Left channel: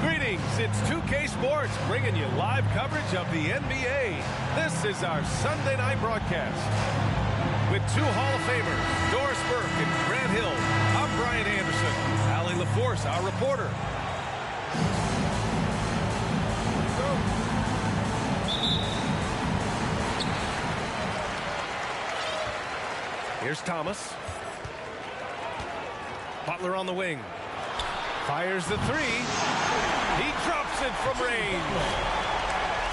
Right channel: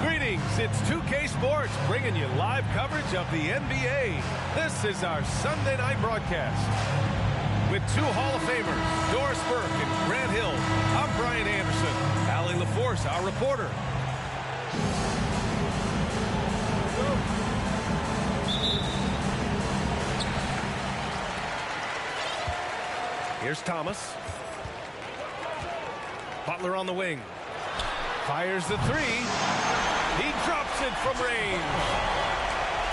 Greetings, it's 2K Sports bringing you live coverage of the NBA. This is our Sunday night broadcast. With two Hall of Famers, Doris Burke and Grant Hill, I'm Brian Anderson. Allie LaForce, our reporter. Here's Thomas. Butler on the wing. Fires the three. He drops it from range.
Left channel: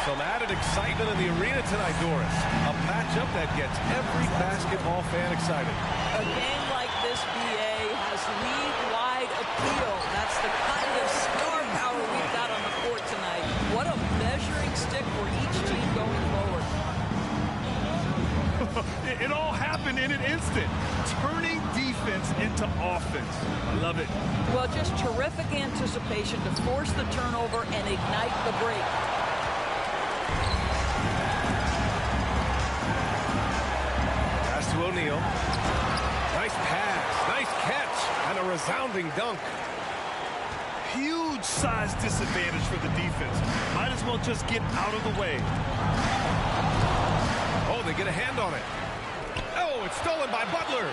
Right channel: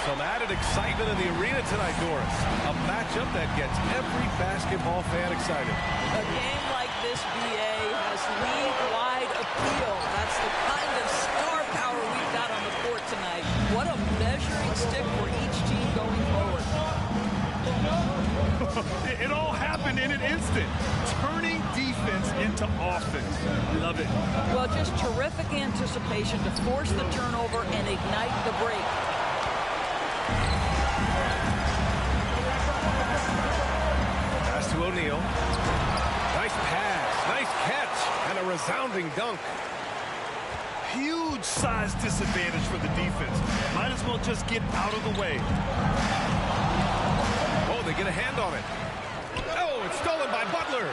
Some added excitement in the arena tonight, Doris. A matchup that gets every basketball fan excited. A game like this, BA, has league-wide appeal. That's the kind of star power we've got on the court tonight. What a measuring stick for each team going forward. It all happened in an instant. Turning defense into offense. I love it. Well, just terrific anticipation to force the turnover and ignite the break. Pass to O'Neal. Nice pass, nice catch, and a resounding dunk. Huge size disadvantage for the defense. Might as well just get out of the way. Oh, they get a hand on it. Oh, it's stolen by Butler.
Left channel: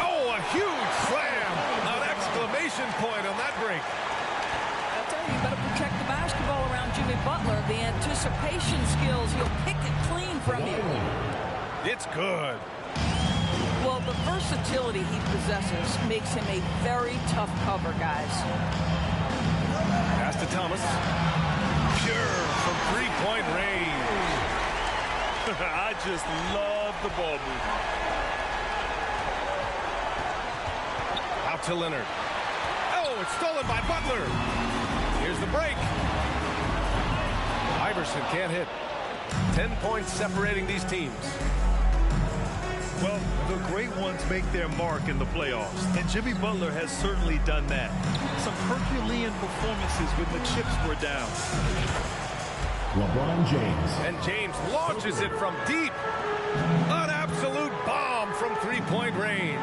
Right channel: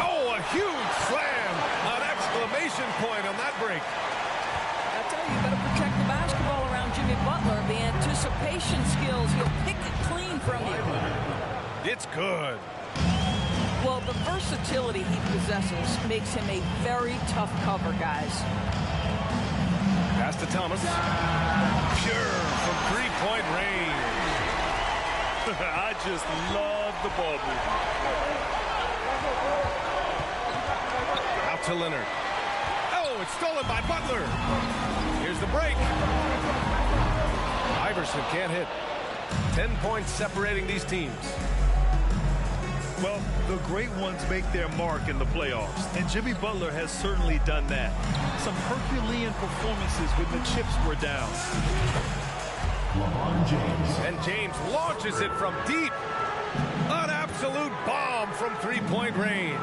Oh, a huge slam. An exclamation point on that break. I tell you, you better protect the basketball around Jimmy Butler. The anticipation skills, he'll pick it clean from you. It's good. Well, the versatility he possesses makes him a very tough cover, guys. Pass to Thomas. Pure from three-point range. I just love the ball movement. Out to Leonard. Oh, it's stolen by Butler. Here's the break. Iverson can't hit. 10 points separating these teams. Well, the great ones make their mark in the playoffs, and Jimmy Butler has certainly done that. Some Herculean performances when the chips were down. LeBron James. And James launches it from deep. An absolute bomb from three-point range.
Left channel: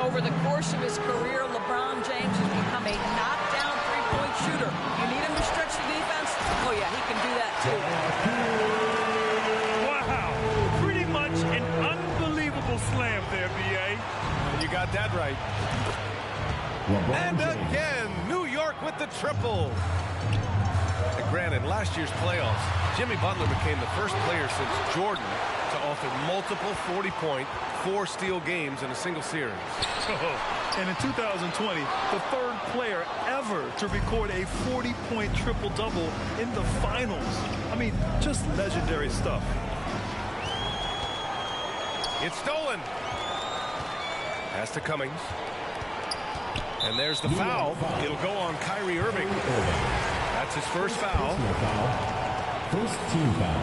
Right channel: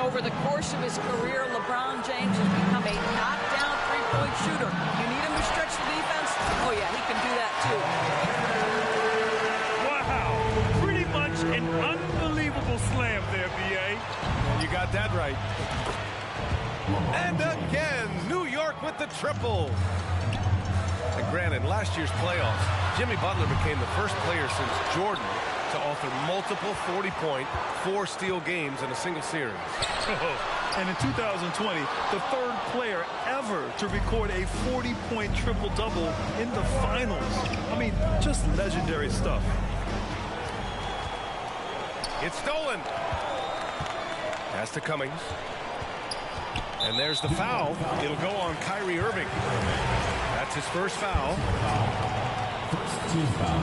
Over the course of his career, LeBron James has become a knockdown three-point shooter. You need him to stretch the defense? Oh, yeah, he can do that, too. Wow. Pretty much an unbelievable slam there, B.A. And you got that right. LeBron And James. again, New York with the triple. And granted, last year's playoffs, Jimmy Butler became the first player since Jordan to author multiple 40-point, 4-steal games in a single series. And in 2020, the third player ever to record a 40-point triple-double in the finals. I mean, just legendary stuff. It's stolen. Pass to Cummings. And there's the foul. It'll go on Kyrie Irving. That's his first foul. First team foul.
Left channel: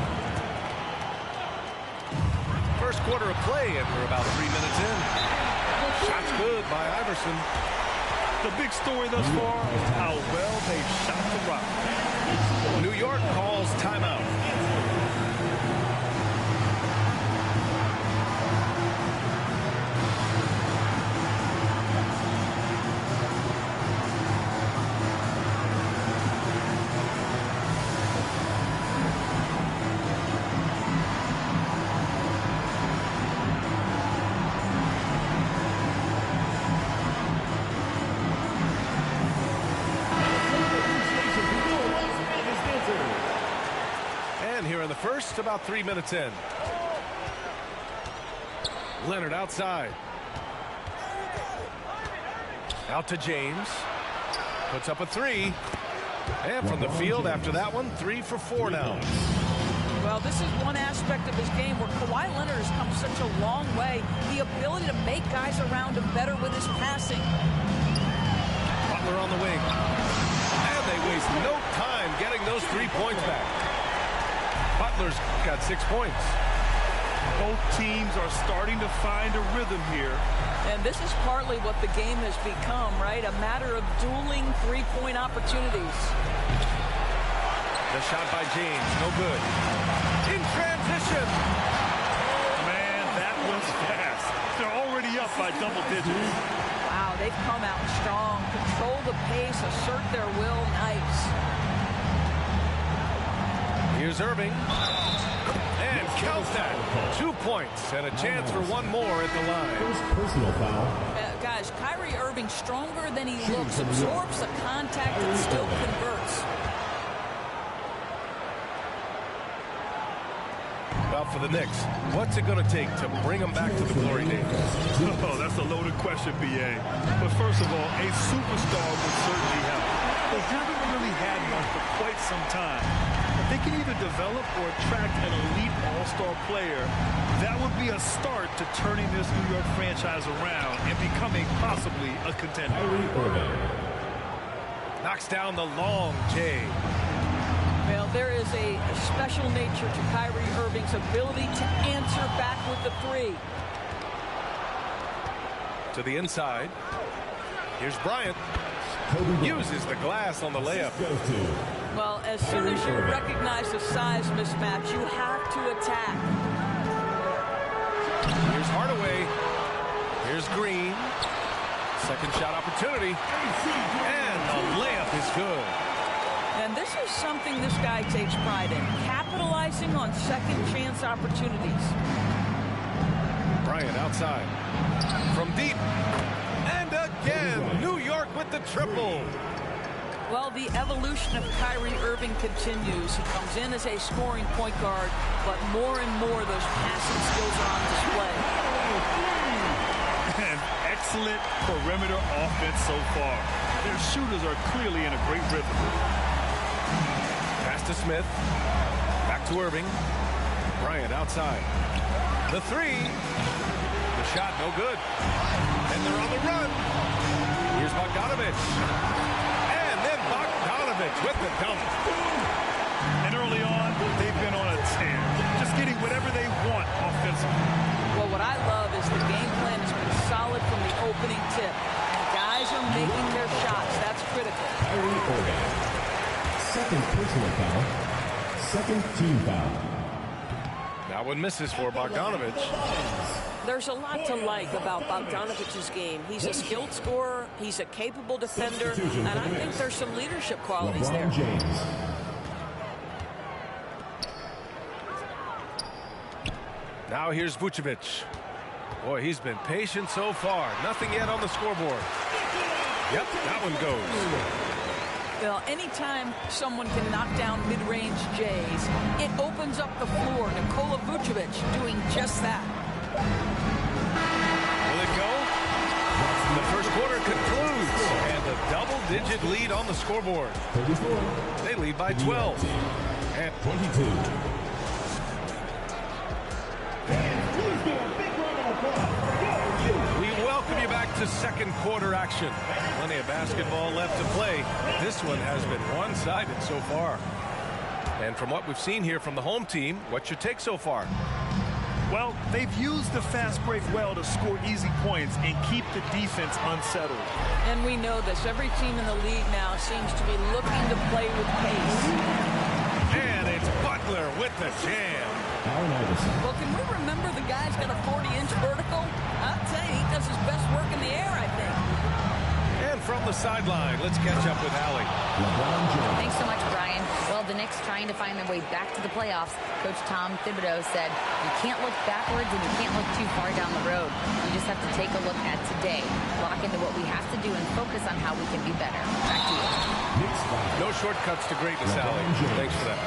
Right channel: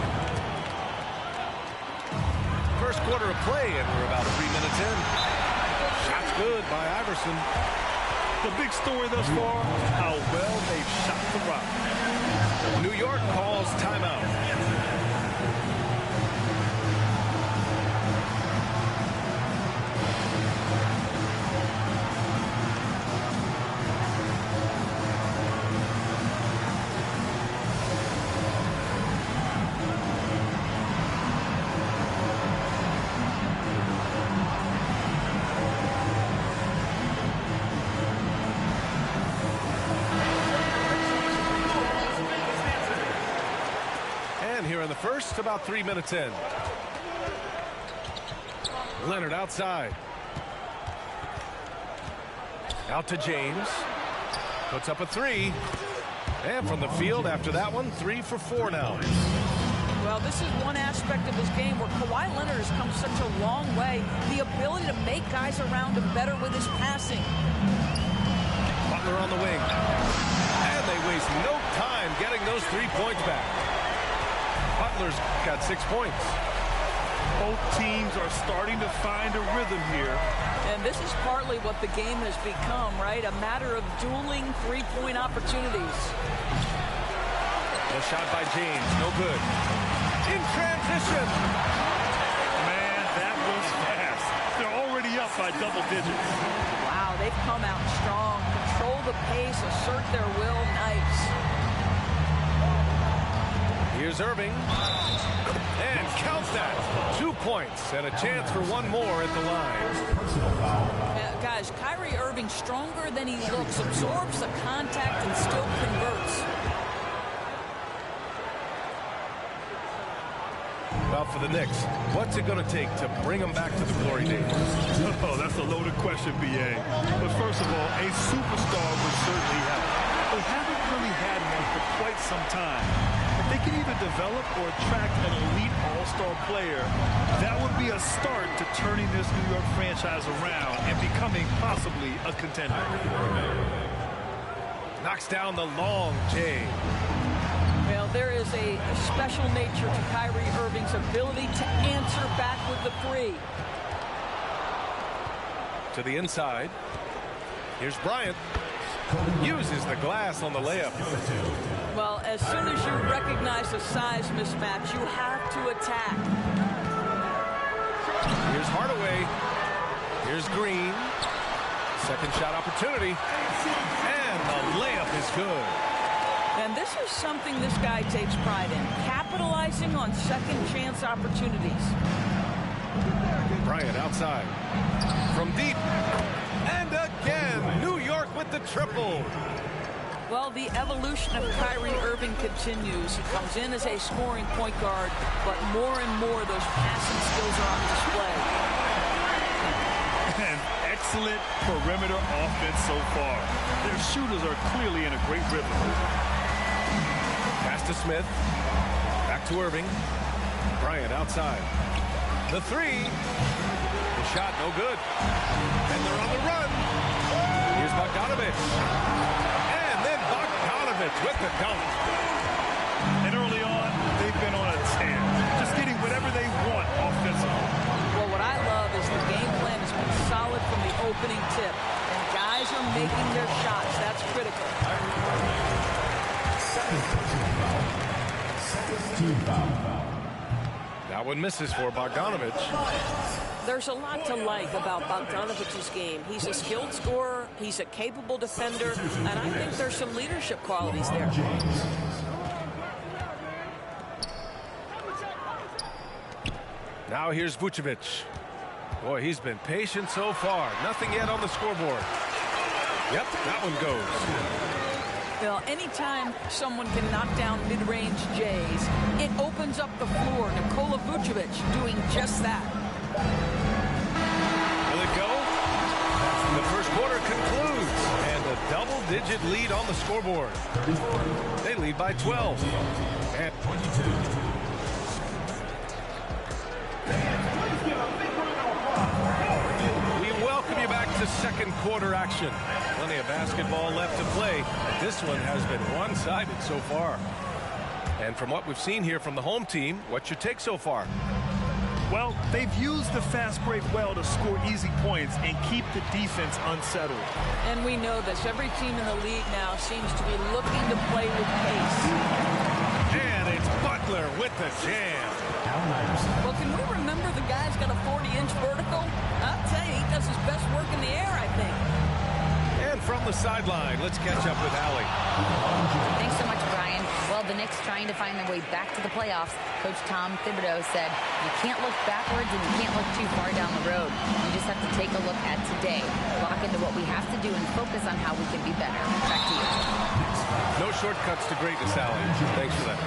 First quarter of play, and we're about 3 minutes in. Shot's good by Iverson. The big story thus far, how well they shot the rock. New York calls timeout. And here in the first, about 3 minutes in. Leonard outside. Out to James. Puts up a three. And from the field after that one, 3 for 4 now. Well, this is one aspect of his game where Kawhi Leonard has come such a long way. The ability to make guys around him better with his passing. Butler on the wing. And they waste no time getting those 3 points back. Butler's got 6 points. Both teams are starting to find a rhythm here. And this is partly what the game has become, right? A matter of dueling three-point opportunities. The shot by James, no good. In transition. Man, that was fast. They're already up by double digits. Wow, they've come out strong. Control the pace, assert their will. Nice. Here's Irving. And count that. 2 points and a chance for one more at the line. First personal foul. Guys, Kyrie Irving stronger than he looks. Absorbs the contact and still converts. Well, for the Knicks, what's it going to take to bring them back to the glory days? Oh, that's a loaded question, B.A. But first of all, a superstar would certainly help. They haven't really had one for quite some time. If they can either develop or attract an elite all-star player, that would be a start to turning this New York franchise around and becoming possibly a contender. Knocks down the long J. Well, there is a special nature to Kyrie Irving's ability to answer back with the three. To the inside. Here's Bryant. Uses the glass on the layup. Well, as soon as you recognize the size mismatch, you have to attack. Here's Hardaway. Here's Green. Second shot opportunity. And the layup is good. And this is something this guy takes pride in, capitalizing on second chance opportunities. Bryant outside. From deep. And again, New York with the triple. Well, the evolution of Kyrie Irving continues. He comes in as a scoring point guard, but more and more those passing skills are on display. An excellent perimeter offense so far. Their shooters are clearly in a great rhythm. Pass to Smith. Back to Irving. Bryant outside. The three. The shot no good. And they're on the run. Here's Bogdanovich. And then Bogdanovich with the dunk. And early on, they've been on a tear. Just getting whatever they want offensively. Well, what I love is the game plan has been solid from the opening tip. And guys are making their shots. That's critical. Second personal foul. Second team foul. That one misses for Bogdanovich. There's a lot to like about Bogdanovich's game. He's a skilled scorer, he's a capable defender, and I think there's some leadership qualities there. James. Now here's Vucevic. Boy, he's been patient so far. Nothing yet on the scoreboard. Yep, that one goes. Well, anytime someone can knock down mid-range J's, it opens up the floor. Nikola Vucevic doing just that. Will it go? The first quarter concludes, and a double-digit lead on the scoreboard. They lead by 12. And 22. we welcome you back to second quarter action. Plenty of basketball left to play, but this one has been one-sided so far. And from what we've seen here from the home team, what's your take so far? Well, they've used the fast break well to score easy points and keep the defense unsettled. And we know this. Every team in the league now seems to be looking to play with pace. And it's Butler with the jam. Allen Iverson. Well, can we remember the guy's got a 40-inch vertical? I'll tell you, he does his best work in the air, I think. And from the sideline, let's catch up with Allie. LeBron James. Thanks so much, Brian. Well, the Knicks trying to find their way back to the playoffs. Coach Tom Thibodeau said, you can't look backwards and you can't look too far down the road. You just have to take a look at today, lock into what we have to do, and focus on how we can be better. Back to you. No shortcuts to greatness, Allie. Thanks for that.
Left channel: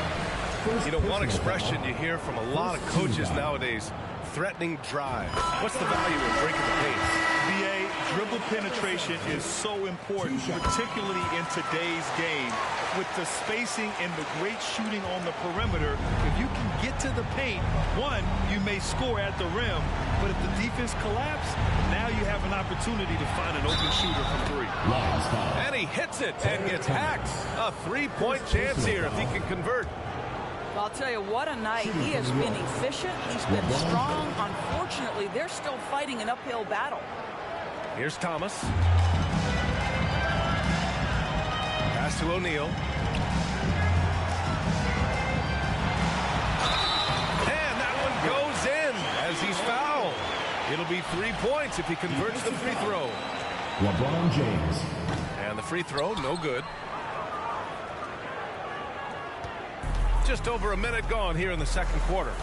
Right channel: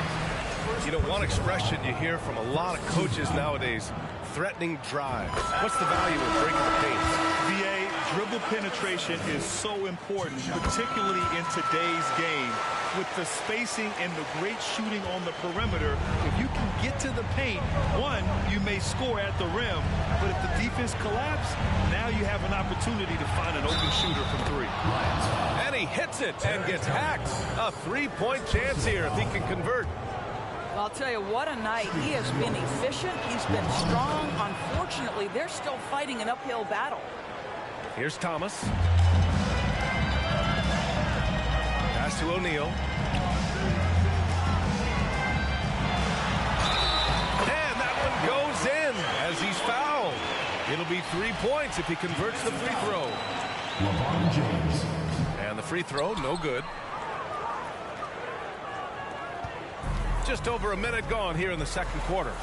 You know, one expression you hear from a lot of coaches nowadays, threatening drive. What's the value of breaking the pace? VA, dribble penetration is so important, particularly in today's game. With the spacing and the great shooting on the perimeter, if you can get to the paint, one, you may score at the rim, but if the defense collapses, now you have an opportunity to find an open shooter from three. And he hits it and gets hacked. A three-point chance here if he can convert. I'll tell you, what a night. He has been efficient. He's been strong. Unfortunately, they're still fighting an uphill battle. Here's Thomas. Pass to O'Neal. And that one goes in as he's fouled. It'll be 3 points if he converts the free throw. LeBron James. And the free throw, no good. Just over a minute gone here in the second quarter.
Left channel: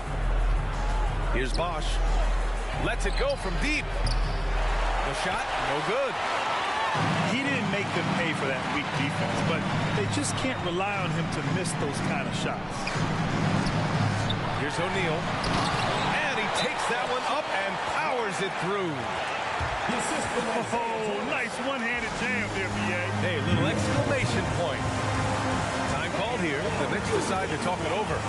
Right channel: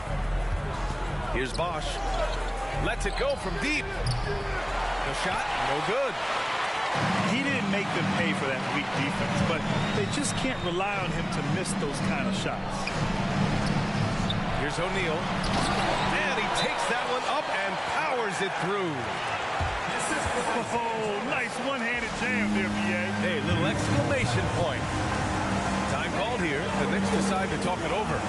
Here's Bosch. Lets it go from deep. The shot, no good. He didn't make them pay for that weak defense, but they just can't rely on him to miss those kind of shots. Here's O'Neal. And he takes that one up and powers it through. Oh, nice one-handed jam there, B.A. Hey, little exclamation point. Time called here. The Knicks decide to talk it over.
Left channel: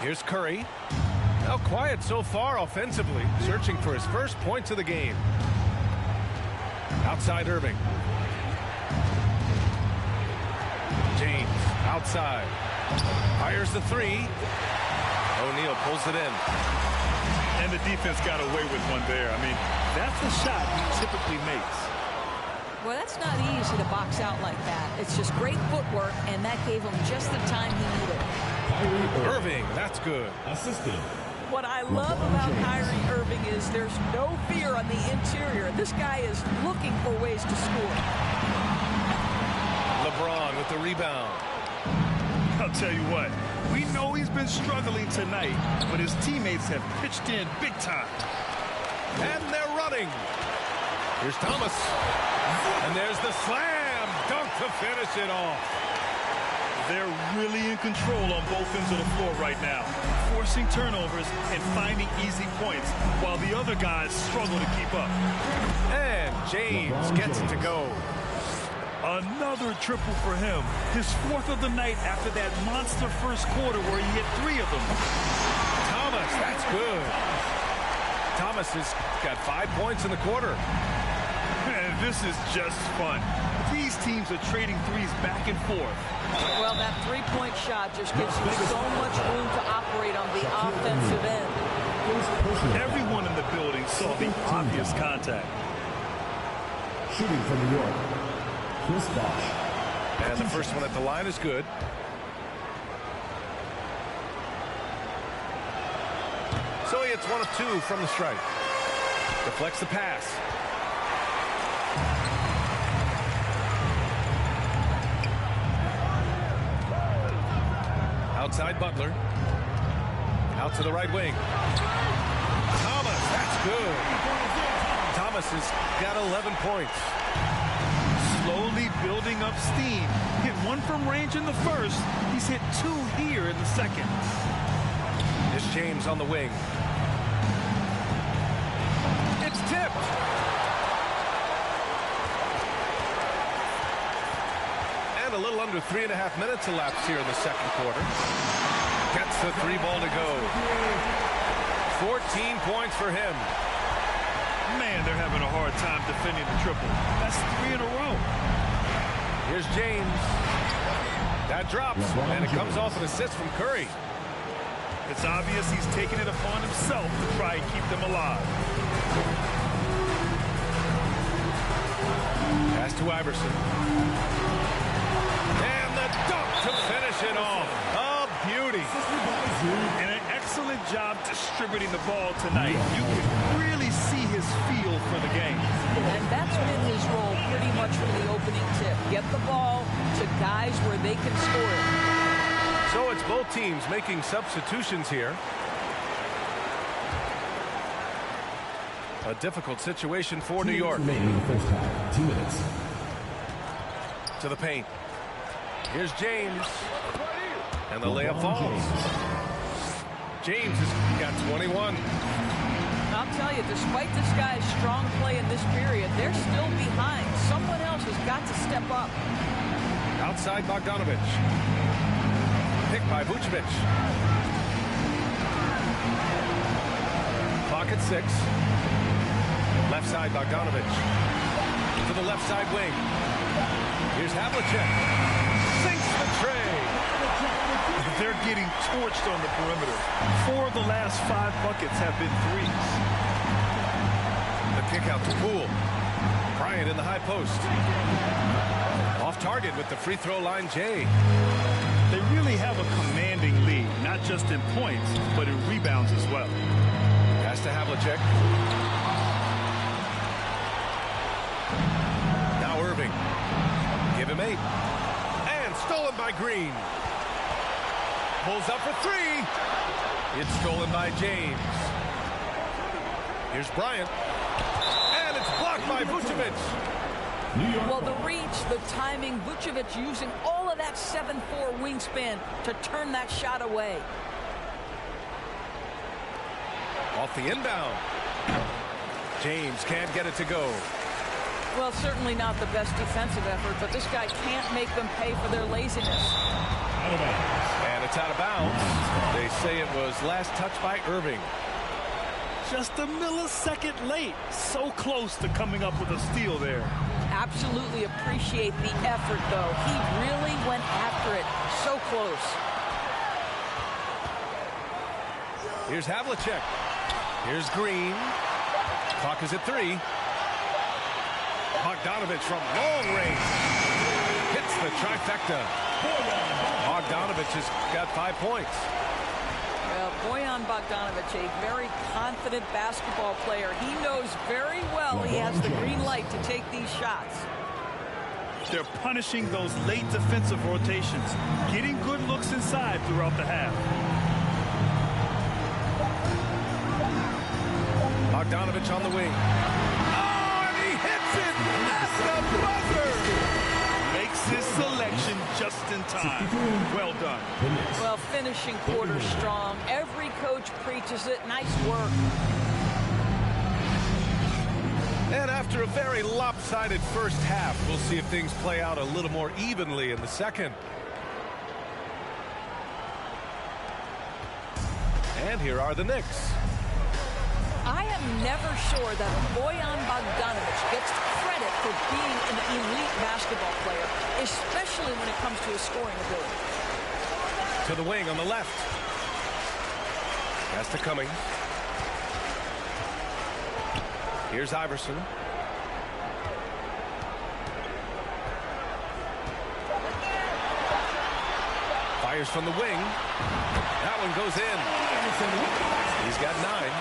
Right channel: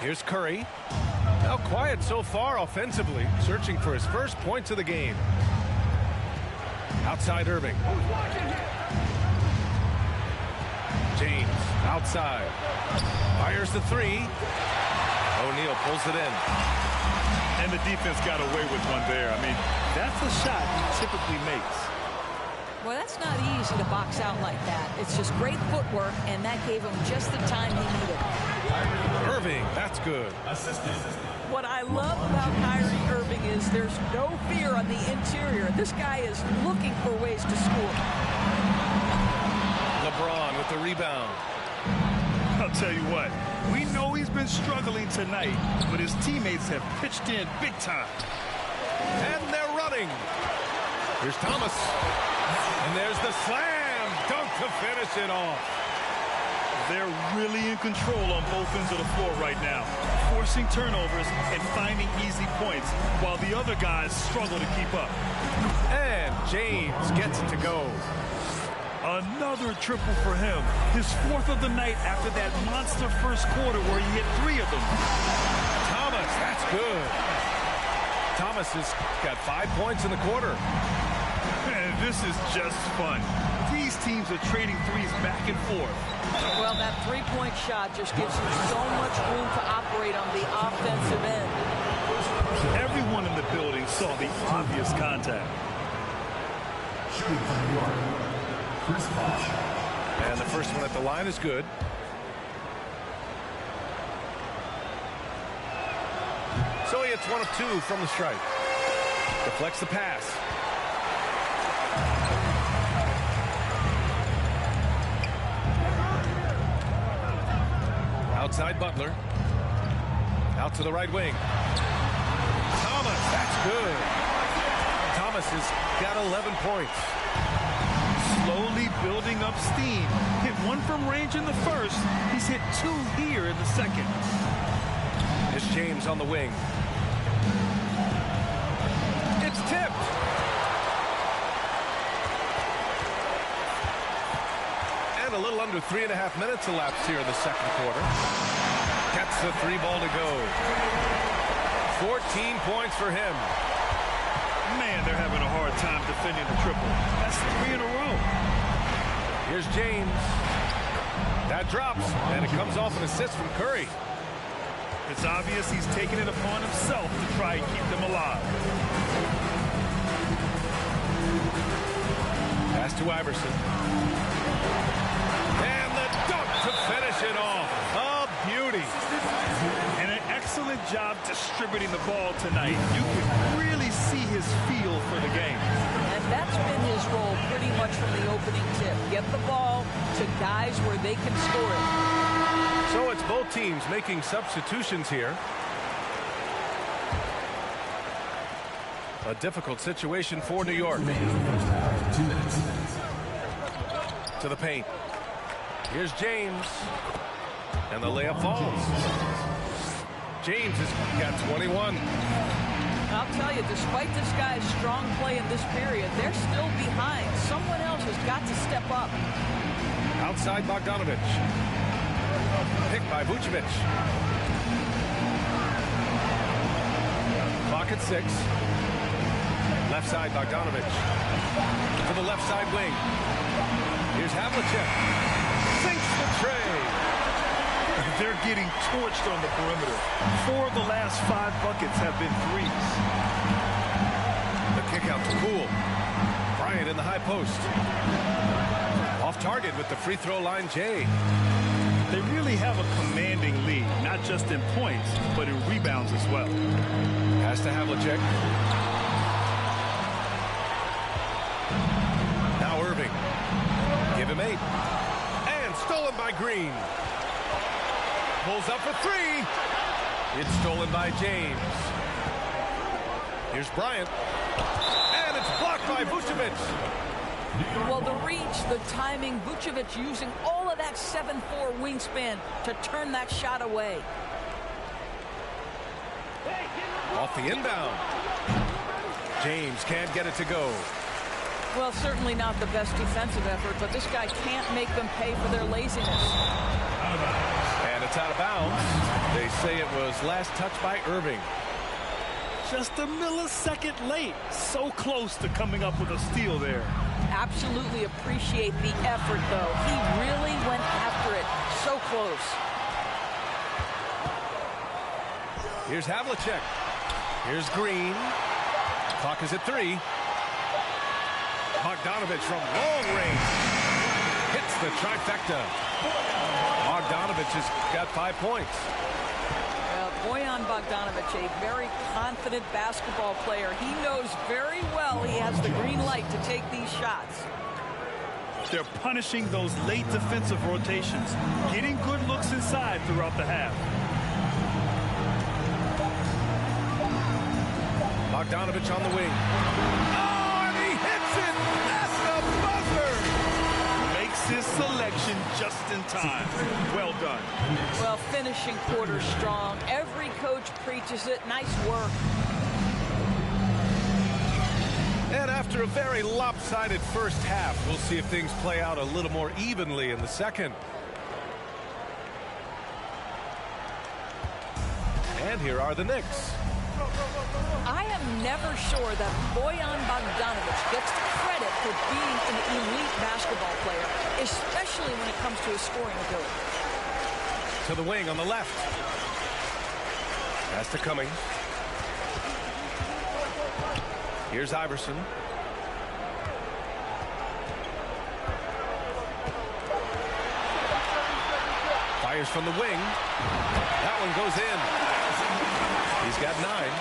Here's Curry. Now quiet so far offensively, searching for his first points of the game. Outside Irving. James outside. Fires the three. O'Neal pulls it in. And the defense got away with one there. I mean, that's a shot he typically makes. Well, that's not easy to box out like that. It's just great footwork, and that gave him just the time he needed. Irving, that's good. Assisted. What I love about Kyrie Irving is there's no fear on the interior. This guy is looking for ways to score. LeBron with the rebound. I'll tell you what, we know he's been struggling tonight, but his teammates have pitched in big time. And they're running. Here's Thomas. And there's the slam dunk to finish it off. They're really in control on both ends of the floor right now, forcing turnovers and finding easy points while the other guys struggle to keep up. And James gets it to go. Another triple for him. His fourth of the night after that monster first quarter where he hit 3 of them. Thomas, that's good. Thomas has got 5 points in the quarter. And this is just fun. These teams are trading threes back and forth. Well, that three-point shot just gives you so much room to operate on the offensive end. Everyone in the building saw the obvious contact. Shooting for New York, Chris Bosh. And the first one at the line is good. So he hits 1 of 2 from the stripe. Deflects the pass. Outside Butler. Out to the right wing. Thomas, that's good. Thomas has got 11 points. Slowly building up steam. Hit 1 from range in the first. He's hit 2 here in the second. It's James on the wing. It's tipped. And a little under 3.5 minutes elapsed here in the second quarter. Gets the 3 ball to go. 14 points for him. Man, they're having a hard time defending the triple. That's 3 in a row. Here's James. That drops, and it comes off an assist from Curry. It's obvious he's taking it upon himself to try and keep them alive. Pass to Iverson. And the dunk to finish it off. A beauty. And an excellent job distributing the ball tonight. You can really see his feel for the game. And that's been his role pretty much from the opening tip. Get the ball to guys where they can score it. So it's both teams making substitutions here. A difficult situation for New York. Remaining in the first half, 2 minutes. To the paint. Here's James. And the layup falls. James has got 21. I'll tell you, despite this guy's strong play in this period, they're still behind. Someone else has got to step up. Outside Bogdanovic. Picked by Vucevic. Clock at 6. Left side, Bogdanovic. To the left side wing. Here's Havlicek. Sinks the tray. They're getting torched on the perimeter. 4 of the last 5 buckets have been threes. The kick out to Poole. Bryant in the high post. Off target with the free throw line, Jay. They really have a commanding lead, not just in points, but in rebounds as well. Pass to Havlicek. Now Irving. Give him 8. And stolen by Green. Pulls up for 3. It's stolen by James. Here's Bryant. And it's blocked by Vucevic. Well, the reach, the timing, Vucevic using all of that 7'4" wingspan to turn that shot away. Off the inbound. James can't get it to go. Well, certainly not the best defensive effort, but this guy can't make them pay for their laziness. And it's out of bounds. They say it was last touched by Irving. Just a millisecond late. So close to coming up with a steal there. Absolutely appreciate the effort, though. He really went after it. So close. Here's Havlicek. Here's Green. Clock is at 3. Bogdanovic from long range. Hits the trifecta. Bogdanovic has got 5 points. Well, Bojan Bogdanovic, a very confident basketball player. He knows very well he has the green light to take these shots. They're punishing those late defensive rotations, getting good looks inside throughout the half. Bogdanovic on the wing. Oh, and he hits it at the buzzer. Makes his selection just in time. Well done. Well, finishing quarter strong. Every coach preaches it. Nice work. And after a very lopsided first half, we'll see if things play out a little more evenly in the second. And here are the Knicks. I am never sure that Bojan Bogdanovic gets credit for being an elite basketball player, especially when it comes to his scoring ability. To the wing on the left. Pass to Cummings. Here's Iverson. Fires from the wing. That one goes in. He's got 9.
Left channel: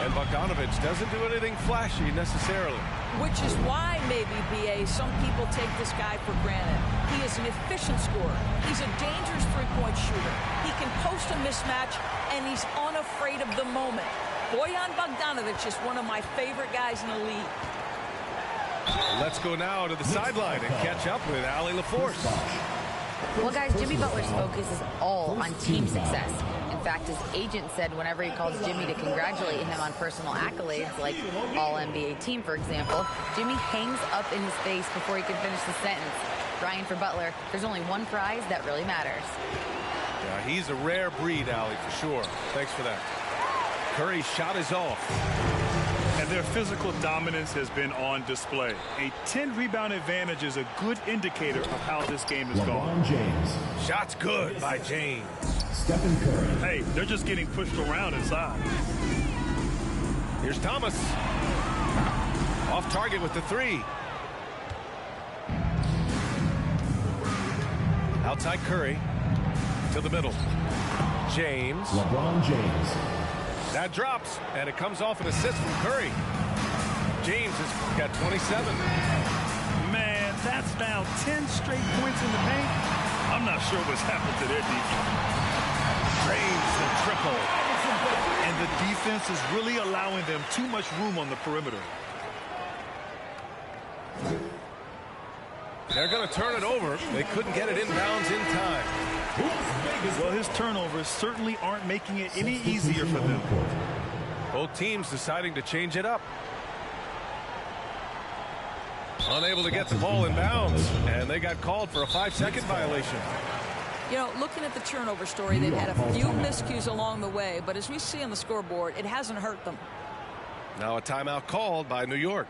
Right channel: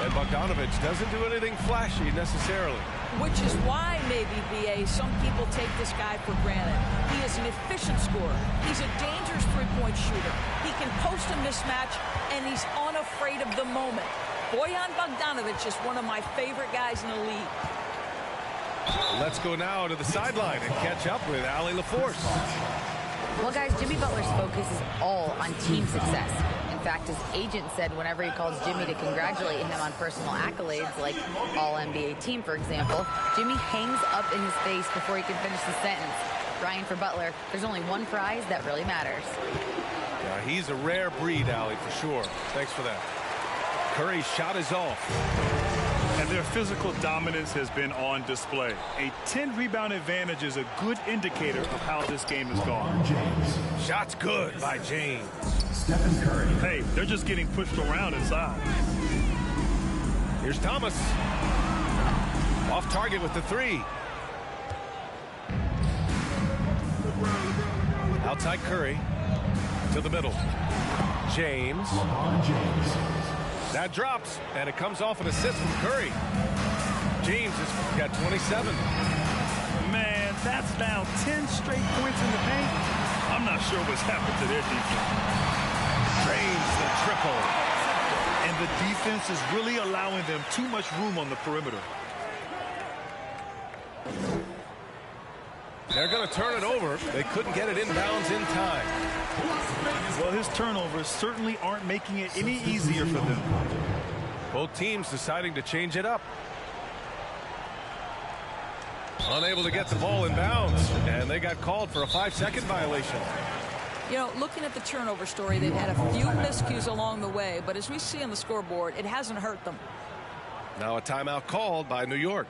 And Bogdanovic doesn't do anything flashy necessarily. Which is why maybe, B.A., some people take this guy for granted. He is an efficient scorer. He's a dangerous three-point shooter. He can post a mismatch, and he's unafraid of the moment. Bojan Bogdanovic is one of my favorite guys in the league. Let's go now to the sideline and catch up with Allie LaForce. Well, guys, Jimmy Butler's focus is all on team success. In fact, his agent said whenever he calls Jimmy to congratulate him on personal accolades, like All-NBA team, for example, Jimmy hangs up in his face before he can finish the sentence. Ryan, for Butler, there's only one prize that really matters. Yeah, he's a rare breed, Allie, for sure. Thanks for that. Curry's shot is off. And their physical dominance has been on display. A 10-rebound advantage is a good indicator of how this game has gone. James. Shot's good by James. Stephen Curry. Hey, they're just getting pushed around inside. Here's Thomas. Off target with the 3. Outside Curry. To the middle. James. LeBron James. That drops, and it comes off an assist from Curry. James has got 27. Man, that's now 10 straight points in the paint. I'm not sure what's happened to their defense. Drains the triple. And the defense is really allowing them too much room on the perimeter. They're going to turn it over. They couldn't get it inbounds in time. Well, his turnovers certainly aren't making it any easier for them. Both teams deciding to change it up. Unable to get the ball in bounds, and they got called for a 5-second violation. You know, looking at the turnover story, they've had a few miscues along the way, but as we see on the scoreboard, it hasn't hurt them. Now a timeout called by New York.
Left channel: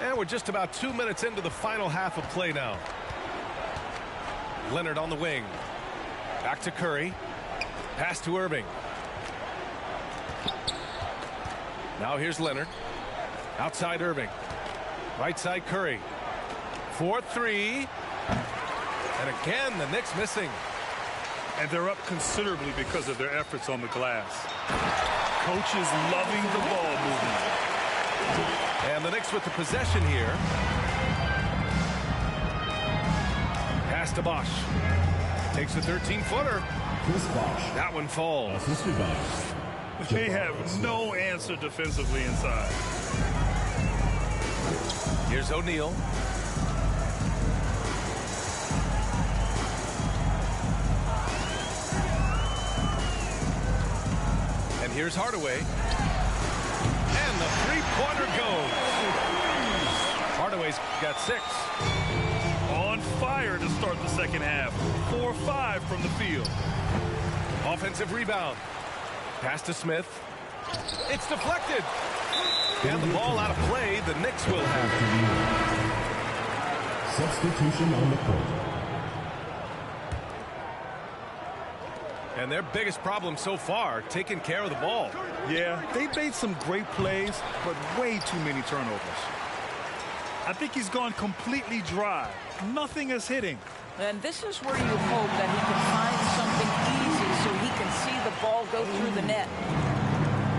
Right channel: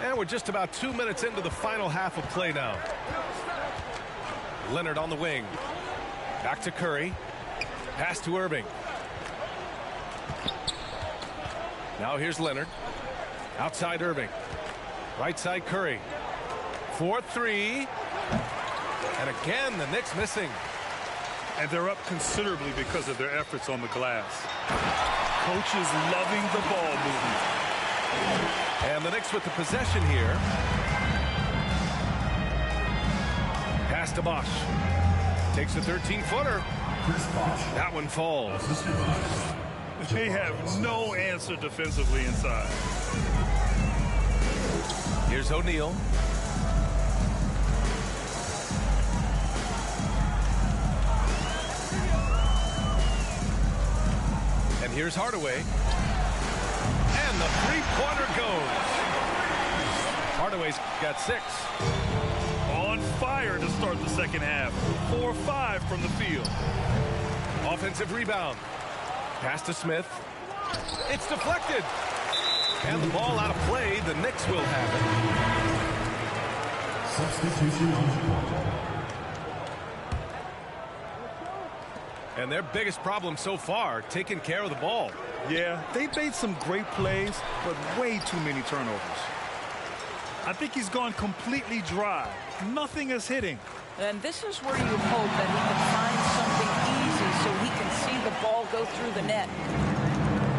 And we're just about 2 minutes into the final half of play now. Leonard on the wing. Back to Curry. Pass to Irving. Now here's Leonard. Outside Irving. Right side Curry. 4-3. And again, the Knicks missing. And they're up considerably because of their efforts on the glass. Coaches loving the ball movement. And the Knicks with the possession here. Pass to Bosh. Takes a 13-footer. Chris Bosh. That one falls. Assisted by They have no answer defensively inside. Here's O'Neal. And here's Hardaway. And the three-pointer goes. Hardaway's got 6. On fire to start the second half. 4-5 from the field. Offensive rebound. Pass to Smith. It's deflected. And the ball out of play. The Knicks will have it. substitution on the court. And their biggest problem so far, taking care of the ball. Yeah, they made some great plays, but way too many turnovers. I think he's gone completely dry. Nothing is hitting. And this is where you hope that he can find something easy so he can see the ball go through the net.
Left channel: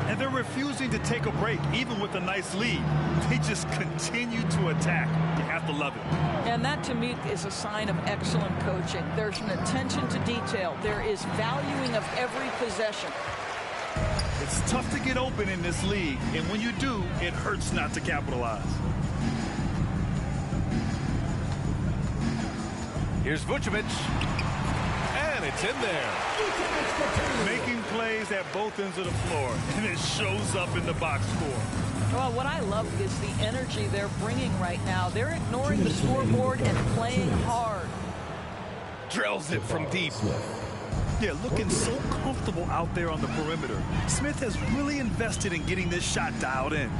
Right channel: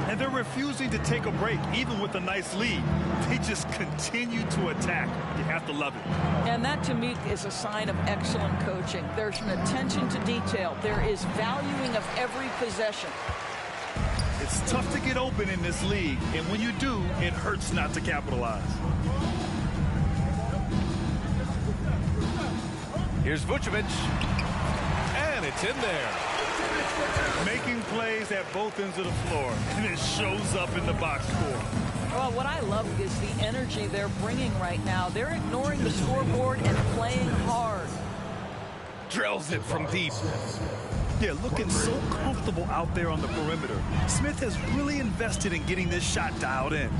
And they're refusing to take a break, even with a nice lead. They just continue to attack. You have to love it. And that, to me, is a sign of excellent coaching. There's an attention to detail. There is valuing of every possession. It's tough to get open in this league, and when you do, it hurts not to capitalize. Here's Vucevic. And it's in there. Making plays at both ends of the floor, and it shows up in the box score. Well, what I love is the energy they're bringing right now. They're ignoring the scoreboard and playing hard. Drills it from deep. Yeah, looking so comfortable out there on the perimeter. Smith has really invested in getting this shot dialed in.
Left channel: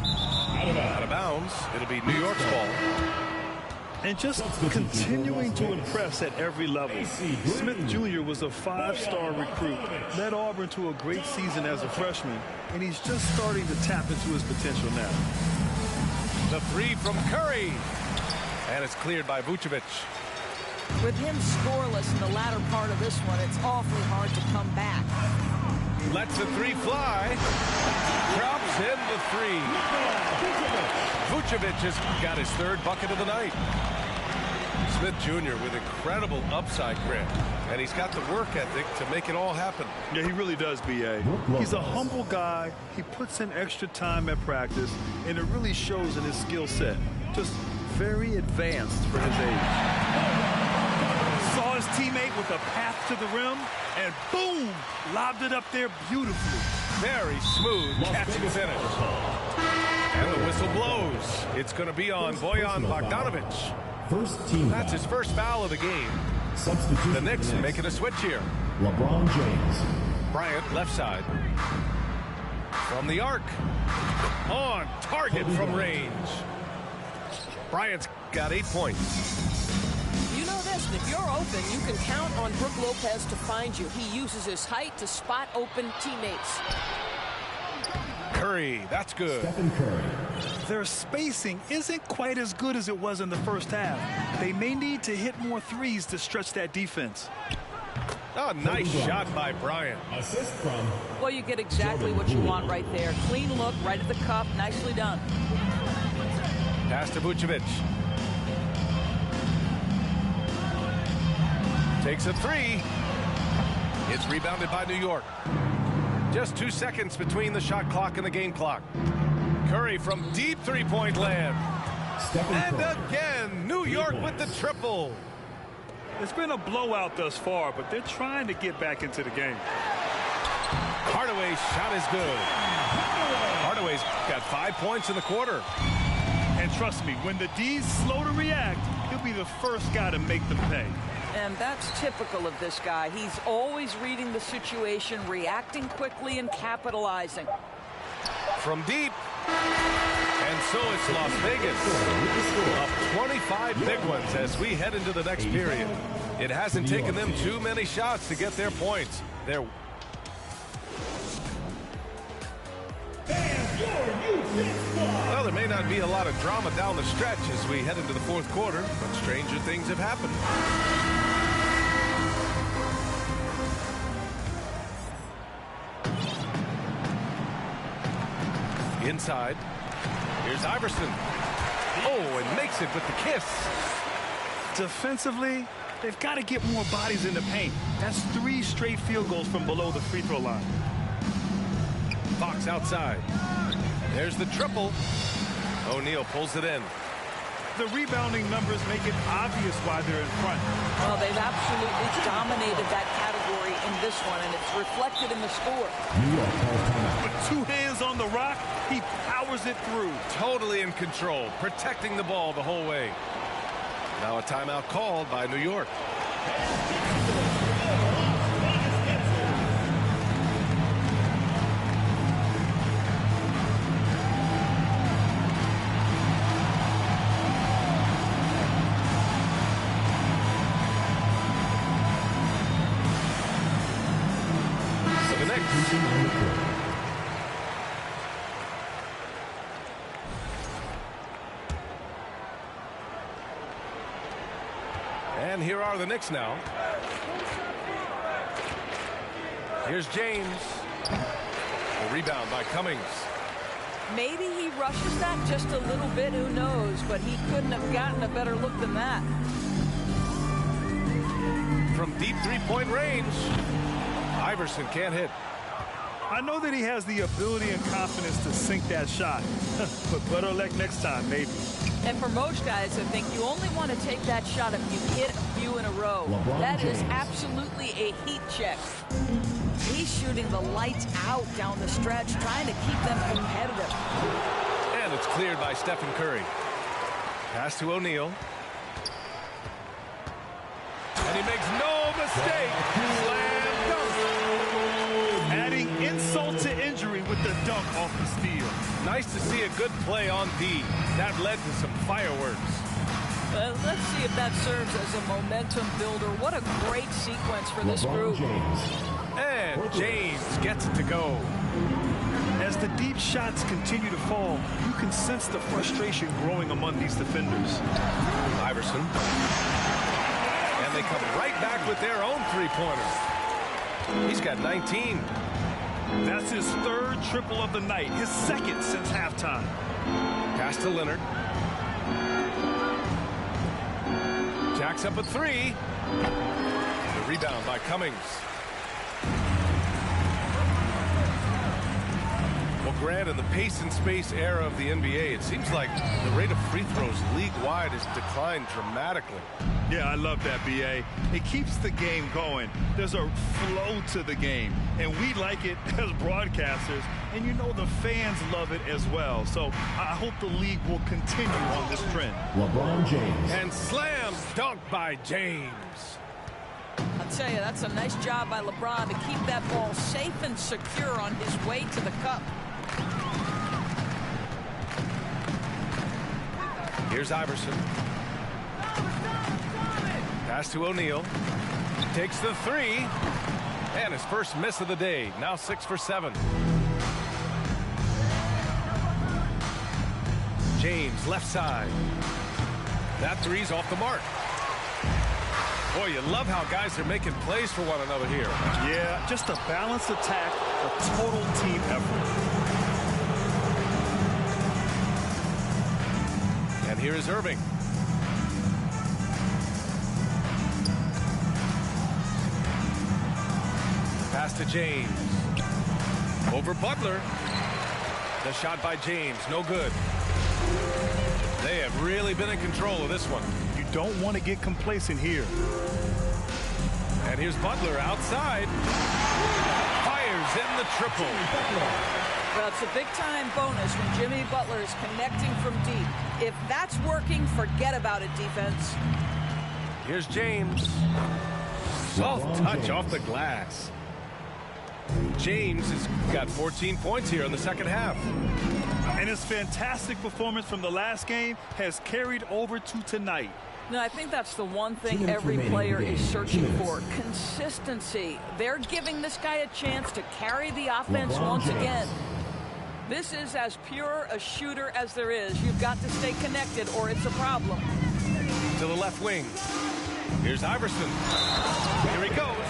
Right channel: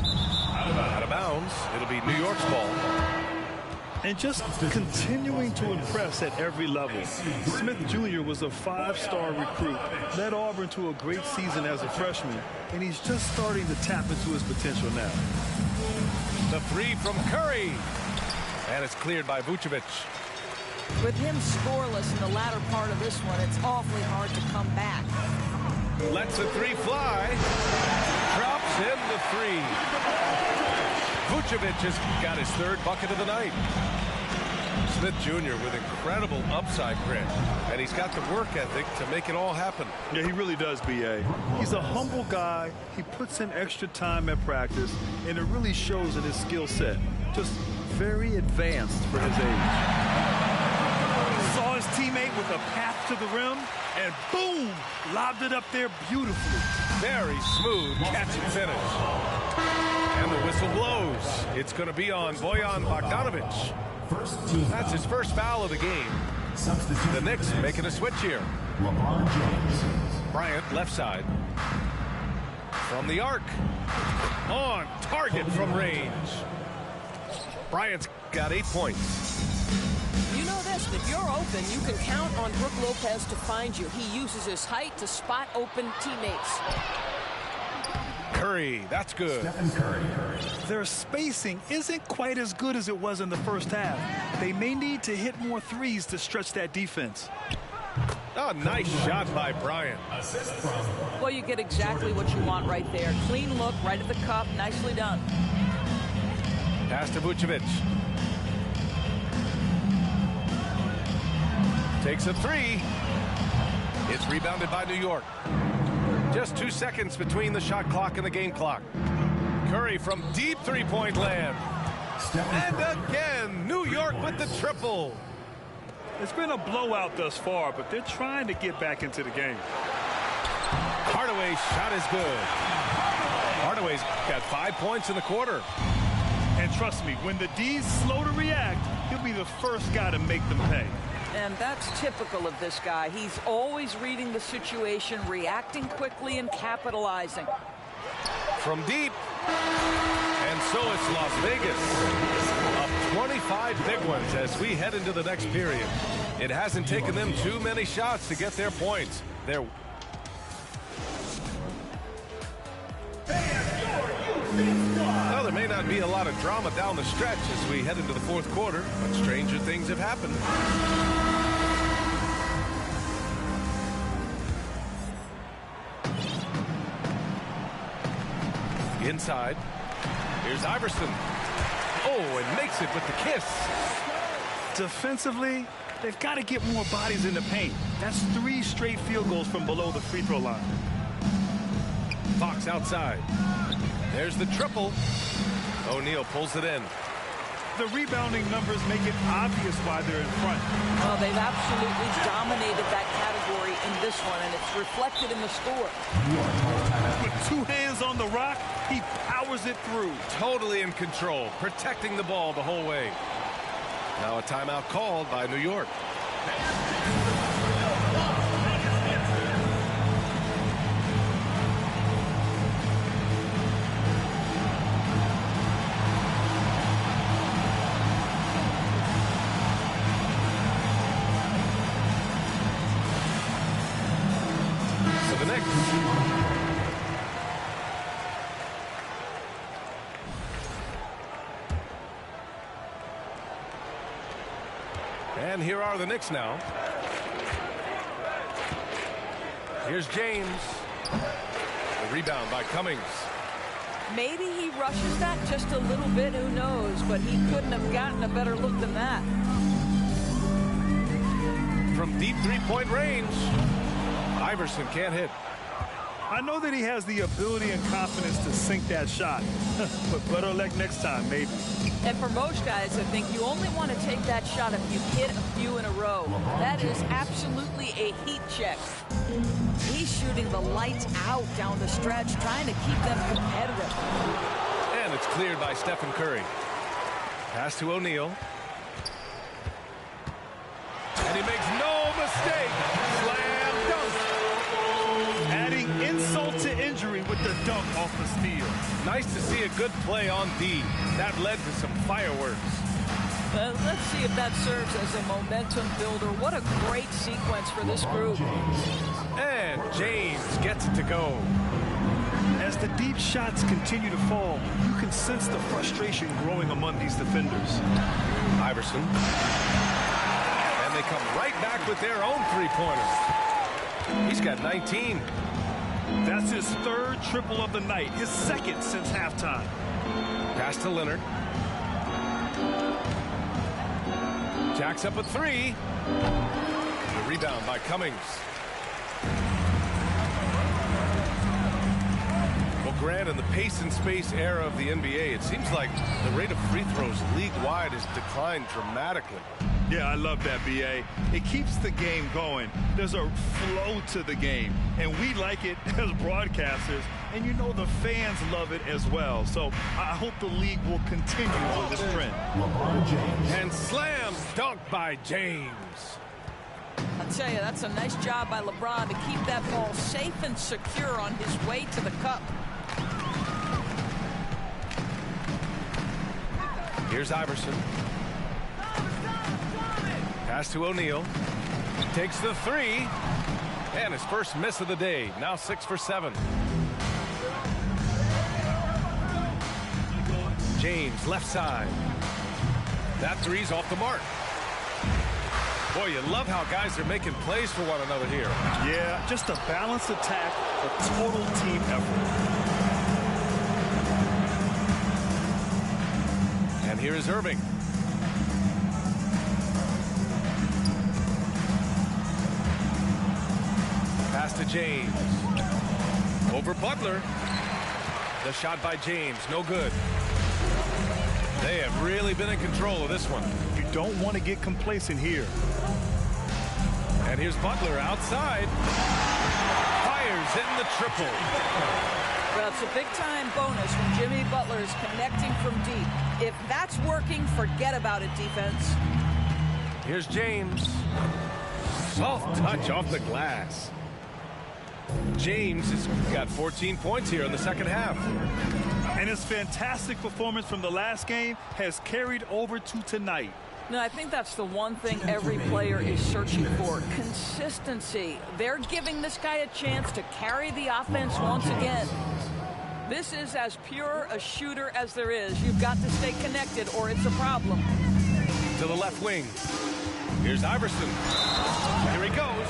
Out of bounds. It'll be New York's ball. And just continuing to impress at every level. Smith Jr. was a 5-star recruit, led Auburn to a great season as a freshman, and he's just starting to tap into his potential now. The three from Curry. And it's cleared by Vucevic. With him scoreless in the latter part of this one, it's awfully hard to come back. Lets the three fly. Drops in the three. Vucevic has got his third bucket of the night. Smith Jr. with incredible upside grit. And he's got the work ethic to make it all happen. Yeah, he really does, B.A. He's a humble guy. He puts in extra time at practice, and it really shows in his skill set. Just very advanced for his age. Saw his teammate with a path to the rim, and boom, lobbed it up there beautifully. Very smooth catch and finish. And the whistle blows. It's going to be on Bojan Bogdanovic. First team. That's his first foul of the game. Substitution. The Knicks making a switch here. LeBron James. Bryant, left side. From the arc. On target from range. Bryant's got 8 points. You know this, if you're open, you can count on Brook Lopez to find you. He uses his height to spot open teammates. Curry, that's good. Stephen Curry. Their spacing isn't quite as good as it was in the first half. They may need to hit more threes to stretch that defense. Oh, nice shot by Bryant. Assist from. Well, you get exactly what you want right there. Clean look, right at the cup. Nicely done. Pass to Vucevic. Takes a three. It's rebounded by New York. Just 2 seconds between the shot clock and the game clock. Curry from deep three-point land. And again, New York with the triple. It's been a blowout thus far, but they're trying to get back into the game. Hardaway's shot is good. Hardaway's got 5 points in the quarter. And trust me, when the D's slow to react, he'll be the first guy to make them pay. And that's typical of this guy. He's always reading the situation, reacting quickly, and capitalizing. From deep. And so it's Las Vegas. Up 25 big ones as we head into the next period. It hasn't taken them too many shots to get their points. Well, there may not be a lot of drama down the stretch as we head into the fourth quarter, but stranger things have happened. Inside. Here's Iverson. Oh, and makes it with the kiss. Defensively, they've got to get more bodies in the paint. That's 3 straight field goals from below the free throw line. Fox outside. There's the triple. O'Neal pulls it in. The rebounding numbers make it obvious why they're in front. Well, they've absolutely dominated that category in this one, and it's reflected in the score. New York calls timeout. With 2 hands on the rock, he powers it through. Totally in control, protecting the ball the whole way. Now a timeout called by New York. So the next. And here are the Knicks now. Here's James. The rebound by Cummings. Maybe he rushes that just a little bit, who knows, but he couldn't have gotten a better look than that. From deep three-point range, Iverson can't hit. I know that he has the ability and confidence to sink that shot, but better luck next time, maybe. And for most guys, I think you only want to take that shot if you hit a few in a row. That is absolutely a heat check. He's shooting the lights out down the stretch, trying to keep them competitive. And it's cleared by Stephen Curry. Pass to O'Neal. And he makes no mistake. Slam dunk. Adding insult to injury with the dunk off the steal. Nice to see a good play on D. That led to some fireworks. Let's see if that serves as a momentum builder. What a great sequence for this group. And James gets it to go. As the deep shots continue to fall, you can sense the frustration growing among these defenders. Iverson. And they come right back with their own three-pointer. He's got 19. That's his 3rd triple of the night, his 2nd since halftime. Pass to Leonard. Jacks up a 3. The rebound by Cummings. Well, Grant, in the pace and space era of the NBA, it seems like the rate of free throws league-wide has declined dramatically. Yeah, I love that, B.A. It keeps the game going. There's a flow to the game, and we like it as broadcasters, and you know the fans love it as well. So I hope the league will continue on this trend. LeBron James. And slam dunk by James. I'll tell you, that's a nice job by LeBron to keep that ball safe and secure on his way to the cup. Here's Iverson. Pass to O'Neal. Takes the three. And his first miss of the day. Now 6 for 7. James, left side. That three's off the mark. Boy, you love how guys are making plays for one another here. Yeah, just a balanced attack, a total team effort. And here is Irving. Pass to James. Over Butler. The shot by James, no good. They have really been in control of this one. You don't want to get complacent here. And here's Butler outside. Fires in the triple. Well, it's a big-time bonus when Jimmy Butler is connecting from deep. If that's working, forget about it, defense. Here's James. Soft touch off the glass. James has got 14 points here in the second half. And his fantastic performance from the last game has carried over to tonight. No, I think that's the one thing every player is searching for. Consistency. They're giving this guy a chance to carry the offense once again. This is as pure a shooter as there is. You've got to stay connected or it's a problem. To the left wing. Here's Iverson. Here he goes.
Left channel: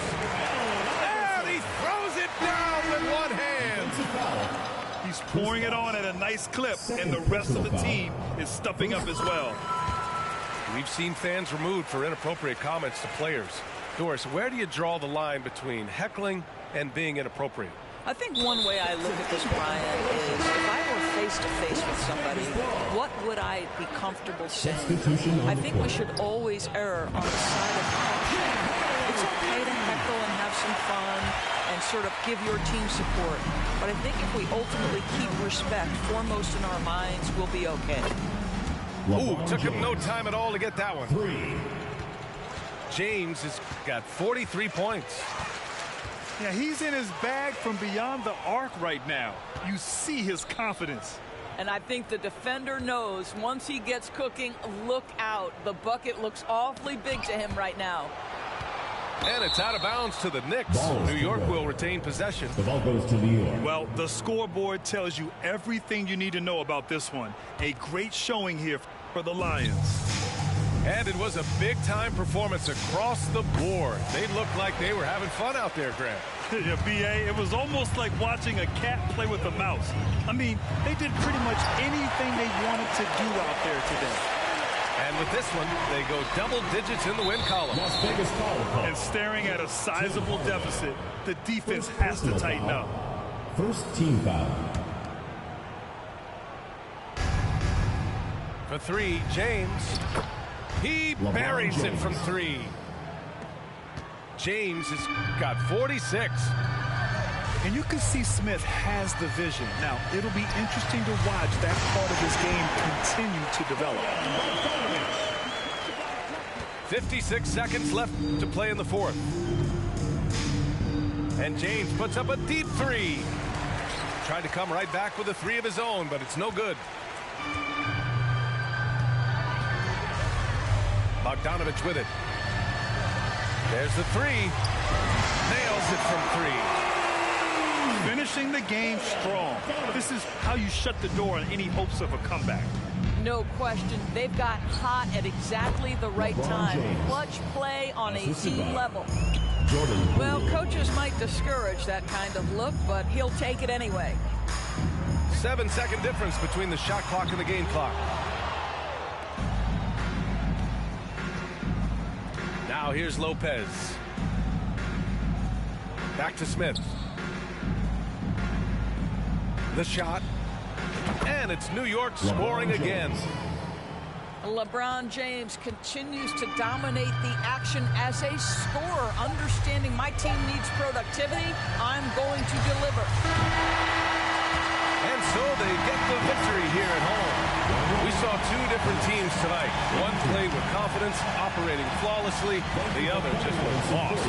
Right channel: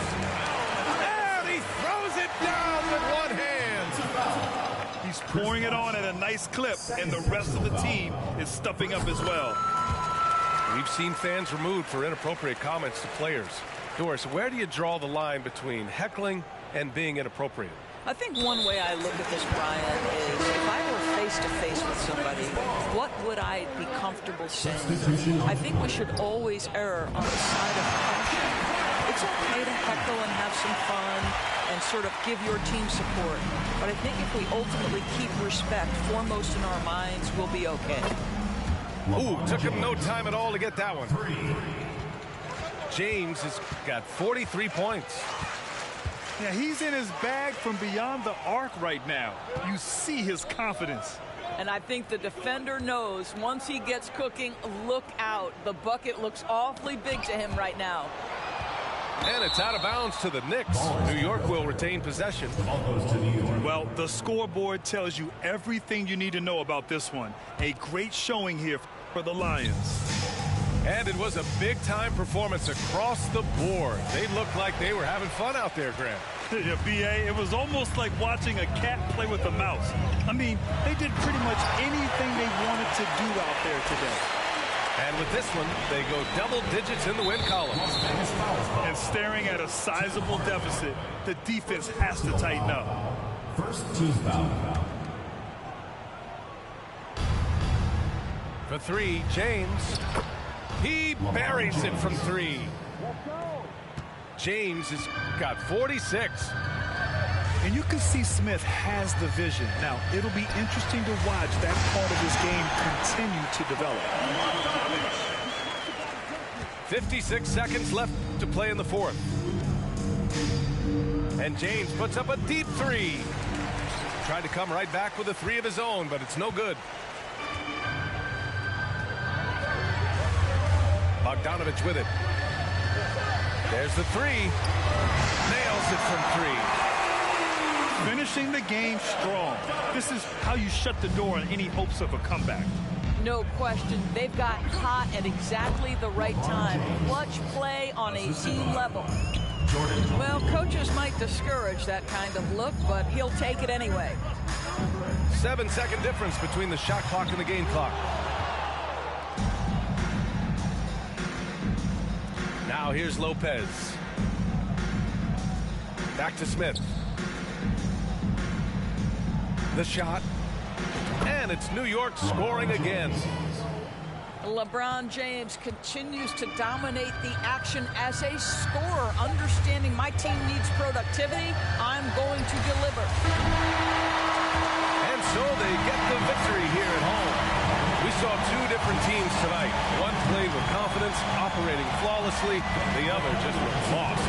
And he throws it down with one hand. He's pouring it on at a nice clip, and the rest of the team is stepping up as well. We've seen fans removed for inappropriate comments to players. Doris, where do you draw the line between heckling and being inappropriate? I think one way I look at this, Brian, is if I were face-to-face with somebody, what would I be comfortable saying? I think we should always err on the side of caution. It's okay to heckle and have some fun and sort of give your team support. But I think if we ultimately keep respect foremost in our minds, we'll be okay. Ooh, took him no time at all to get that one. James has got 43 points. Yeah, he's in his bag from beyond the arc right now. You see his confidence. And I think the defender knows once he gets cooking, look out. The bucket looks awfully big to him right now. And it's out of bounds to the Knicks. New York will retain possession. The ball goes to New York. Well, the scoreboard tells you everything you need to know about this one. A great showing here for the Lions. And it was a big-time performance across the board. They looked like they were having fun out there, Grant. Yeah, B.A., it was almost like watching a cat play with a mouse. I mean, they did pretty much anything they wanted to do out there today. And with this one, they go double digits in the win column. And staring at a sizable deficit, the defense has to tighten up. First team foul. For three, James. He buries it from three. James has got 46. And you can see Smith has the vision. Now, it'll be interesting to watch that part of his game continue to develop. 56 seconds left to play in the fourth. And James puts up a deep three. Tried to come right back with a three of his own, but it's no good. Bogdanovich with it. There's the three. Nails it from three. Finishing the game strong. This is how you shut the door on any hopes of a comeback. No question. They've gotten hot at exactly the right time. Clutch play on a team level. Well, coaches might discourage that kind of look, but he'll take it anyway. 7-second difference between the shot clock and the game clock. Now here's Lopez. Back to Smith. The shot. And it's New York scoring again. LeBron James continues to dominate the action as a scorer, understanding my team needs productivity. I'm going to deliver. And so they get the victory here at home. We saw two different teams tonight. One played with confidence, operating flawlessly. The other just looked lost.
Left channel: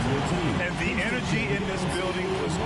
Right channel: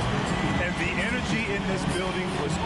And the energy in this building was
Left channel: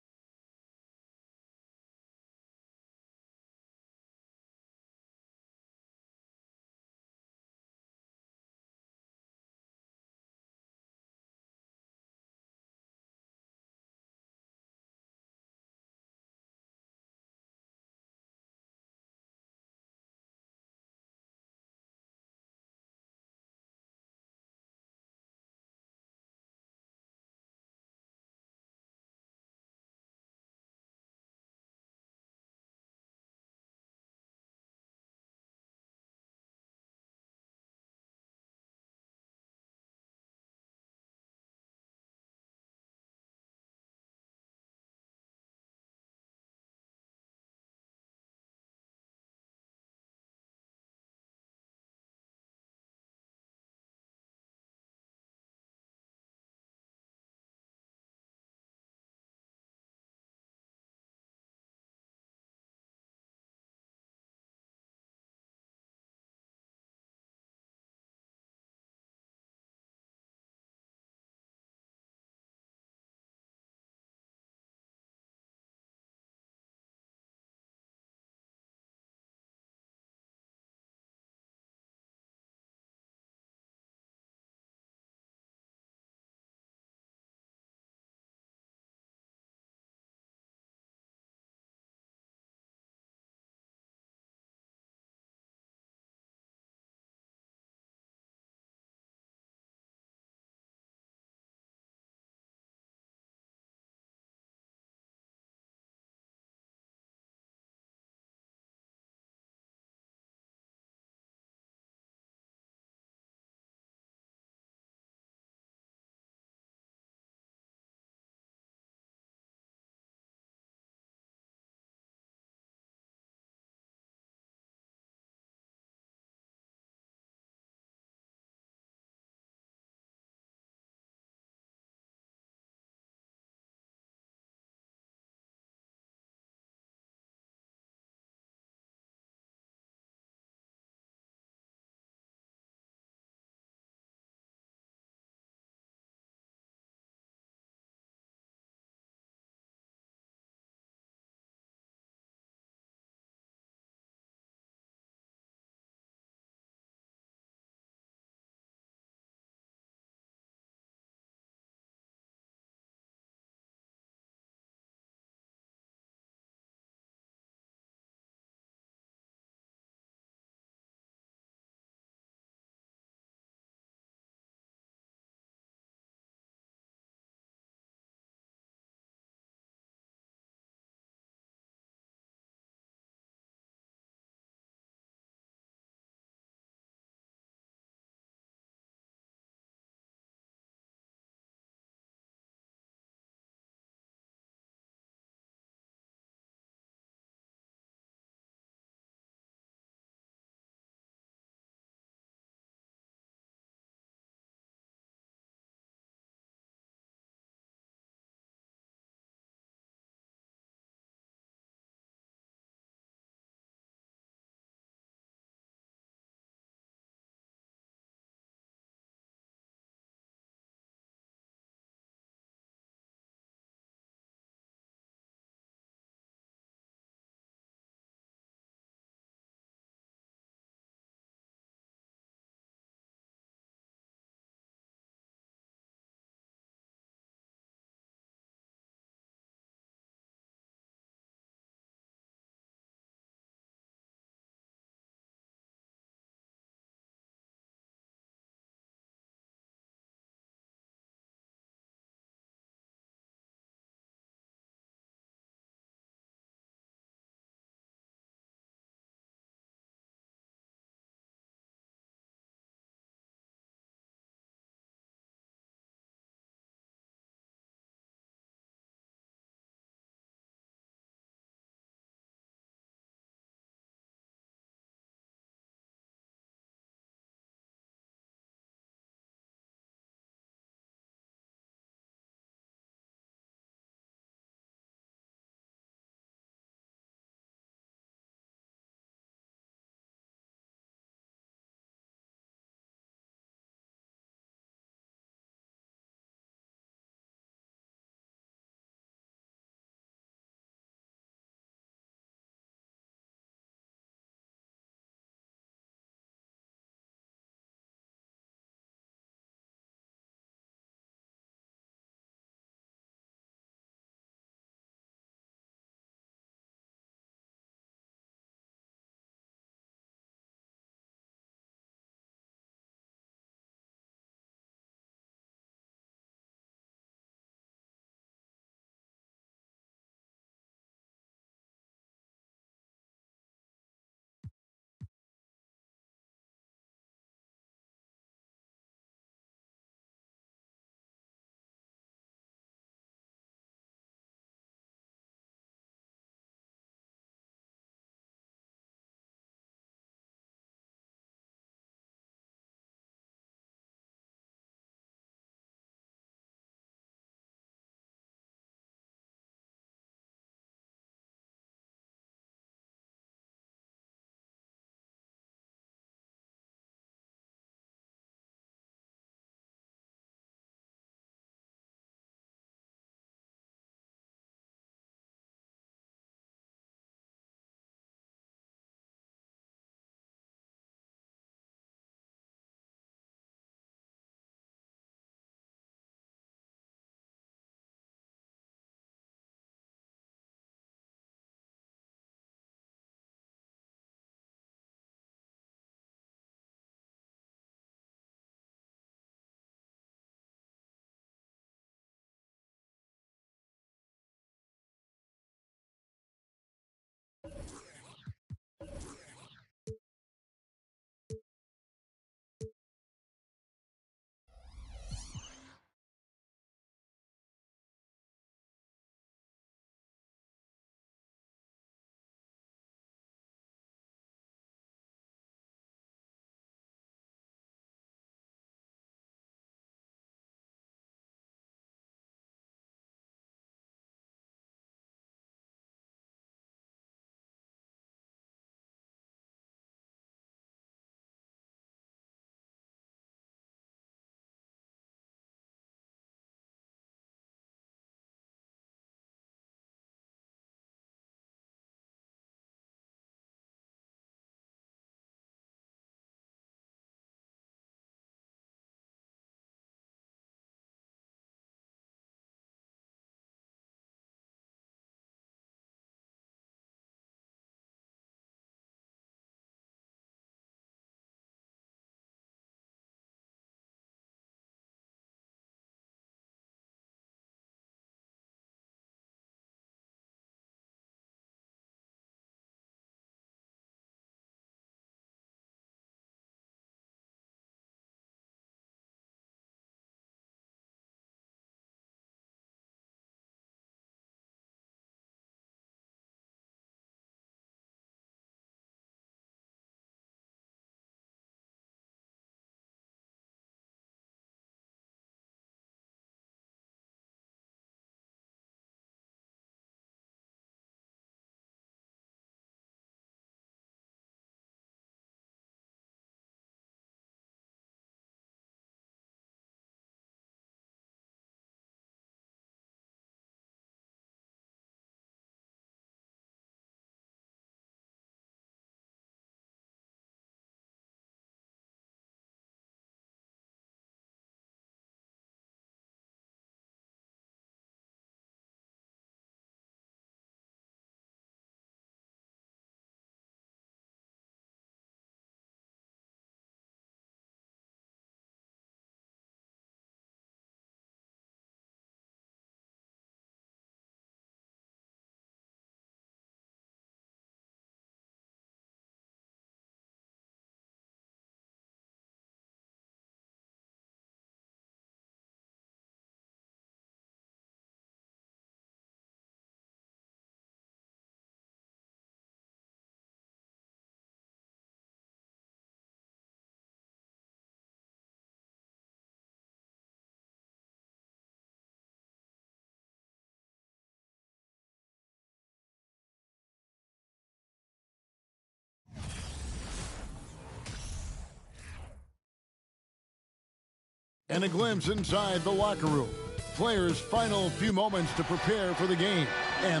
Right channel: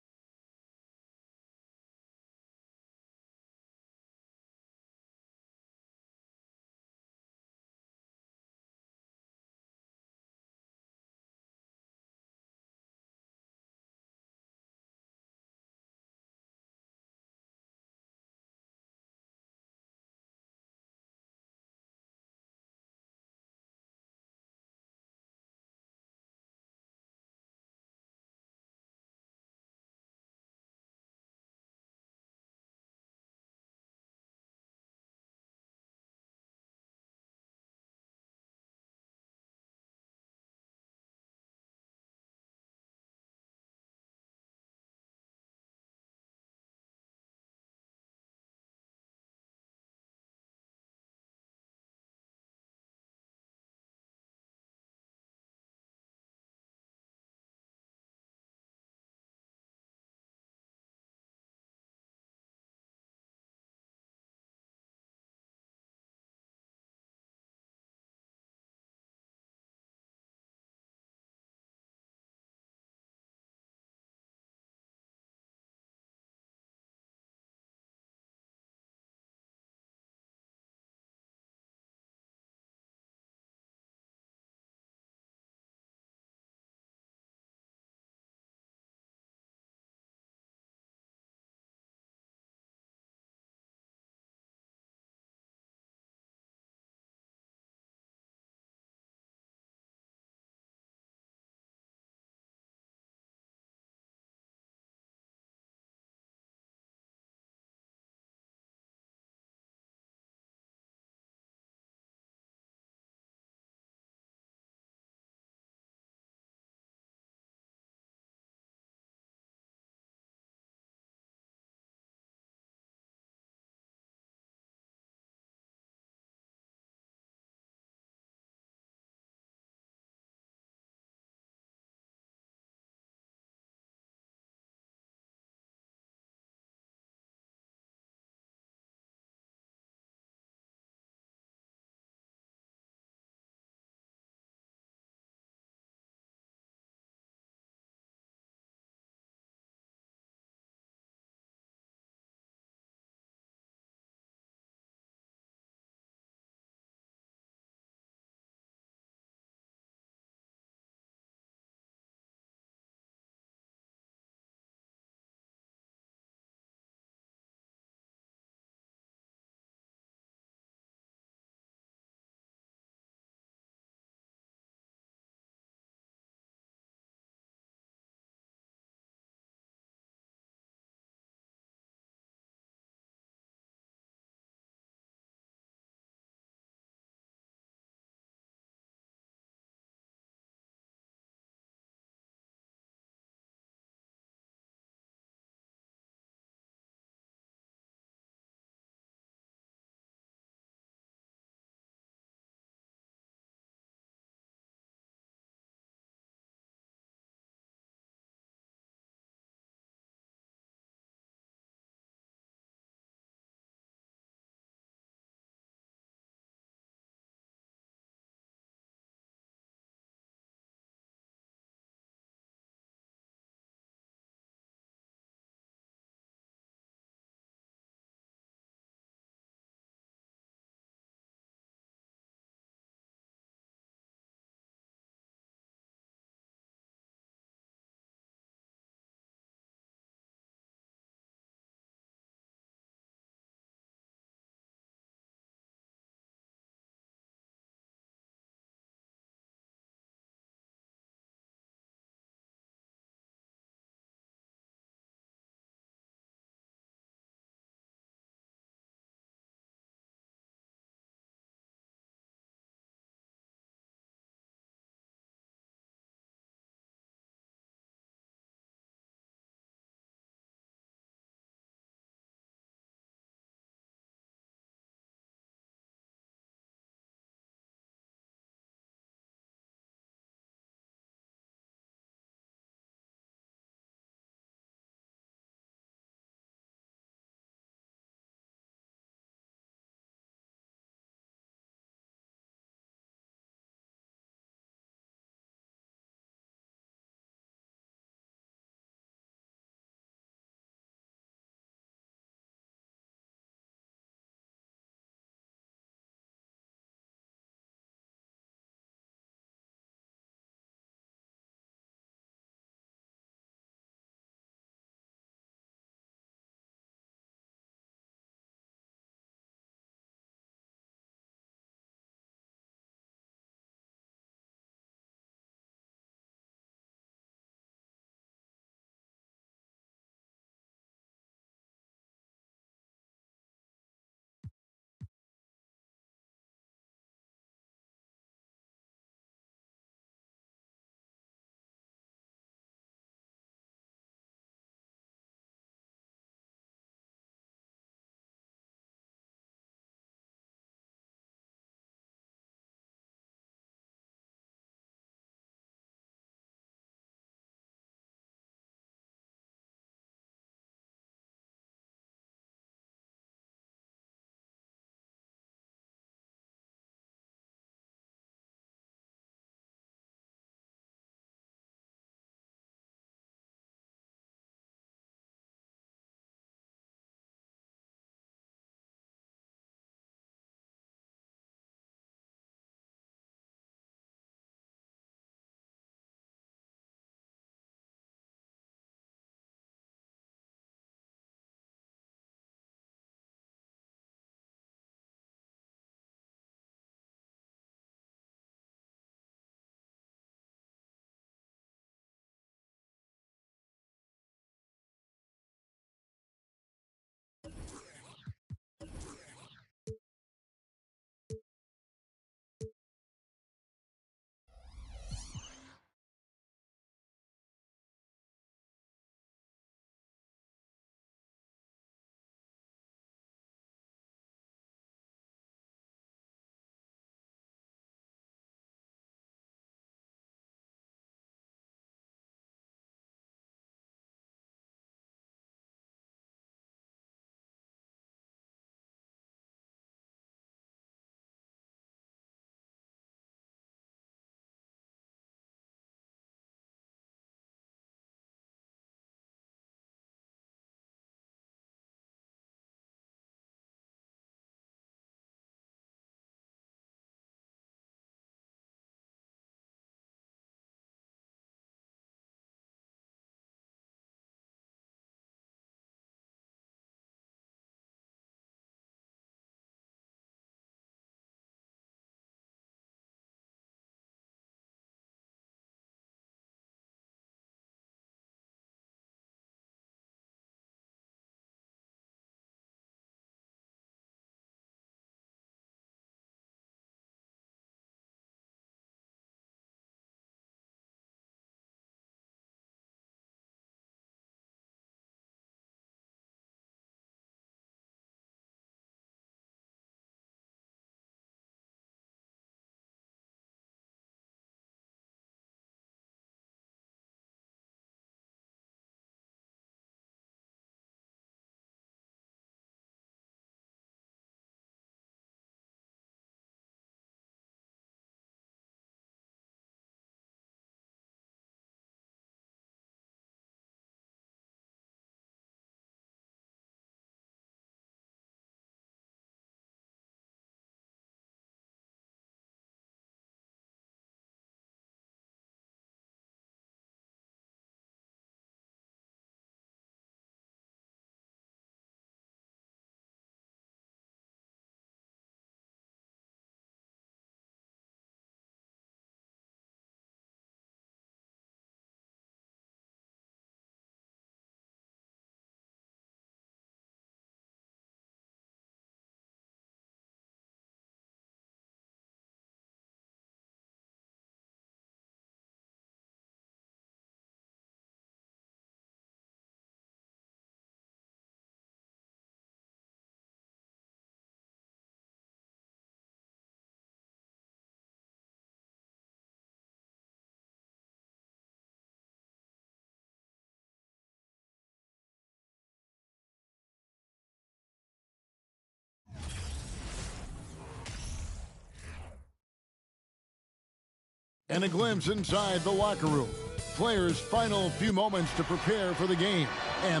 And a glimpse inside the locker room. Players' final few moments to prepare for the game. And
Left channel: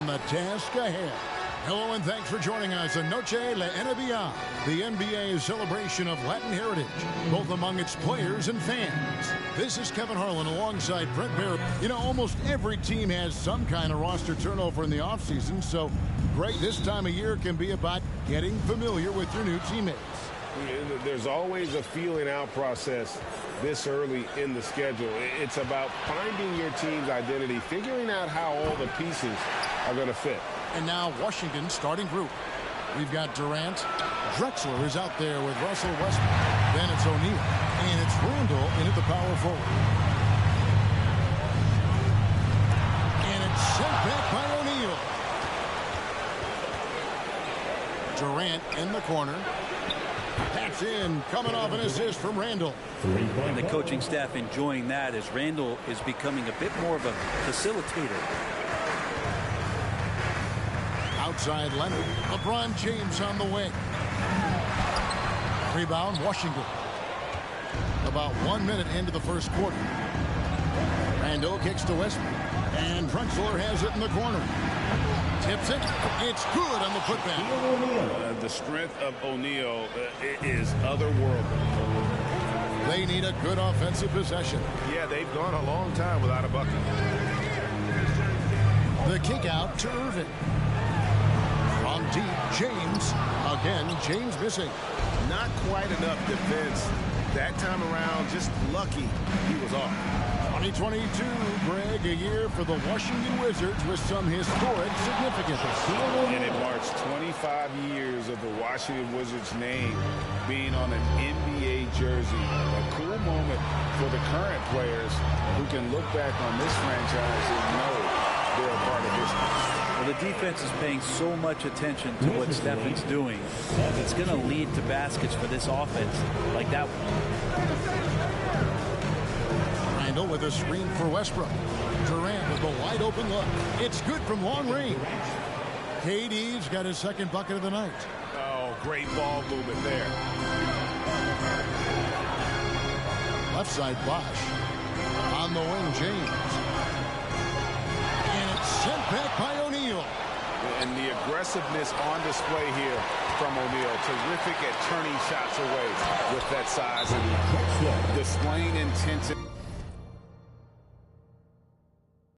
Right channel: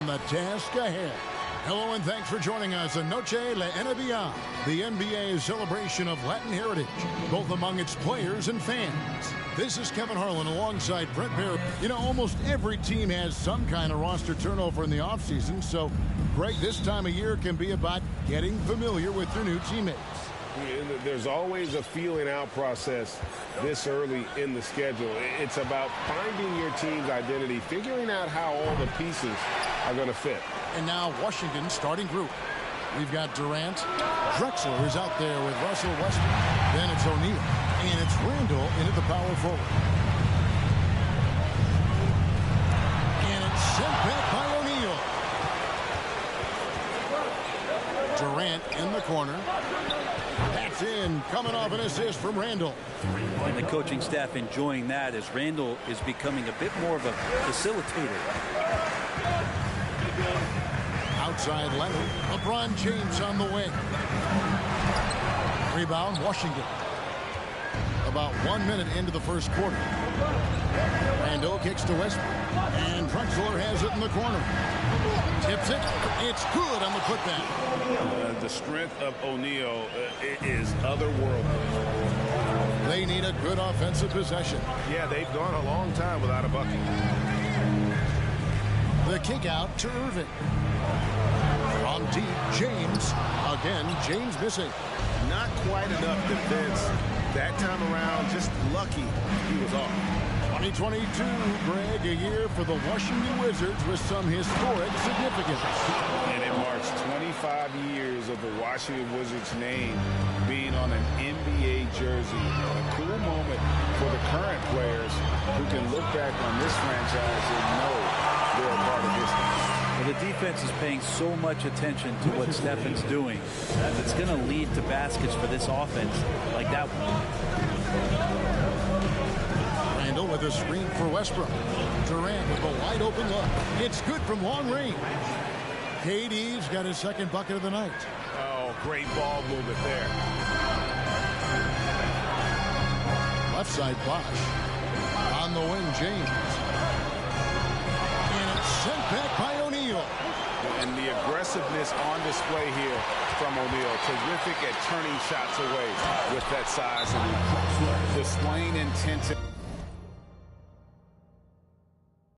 the task ahead. Hello and thanks for joining us on Noche La NBA, the NBA's celebration of Latin heritage, both among its players and fans. This is Kevin Harlan alongside Brent Barry. You know, almost every team has some kind of roster turnover in the offseason, so Greg, this time of year can be about getting familiar with your new teammates. There's always a feeling out process this early in the schedule. It's about finding your team's identity, figuring out how all the pieces are going to fit. And now Washington's starting group. We've got Durant. Drexler is out there with Russell Westbrook. Then it's O'Neal. And it's Randall in at the power forward. And it's sent back by O'Neal. Durant in the corner. That's in, coming off an assist from Randall. And the coaching staff enjoying that as Randall is becoming a bit more of a facilitator. Outside Leonard. LeBron James on the wing. Rebound, Washington. About 1 minute into the first quarter. Randall kicks to Westbrook. And Drexler has it in the corner. Tips it. It's good on the putback. The strength of O'Neal is otherworldly. They need a good offensive possession. Yeah, they've gone a long time without a bucket. The kick out to Irving. From deep, James. Again, James missing. Not quite enough defense that time around. Just lucky he was off. 2022, Greg, a year for the Washington Wizards with some historic significance. And it marks 25 years of the Washington Wizards name being on an NBA jersey. A cool moment for the current players who can look back on this franchise and know they're a part of history. Well, the defense is paying so much attention to what Stefan's doing. It's going to lead to baskets for this offense like that one. Randall with a screen for Westbrook. Durant with a wide open look. It's good from long range. KD's got his second bucket of the night. Oh, great ball movement there. Left side Bosh. On the wing, James. And it's sent back by O'Neal. And the aggressiveness on display here from O'Neal. Terrific at turning shots away with that size and displaying intensity.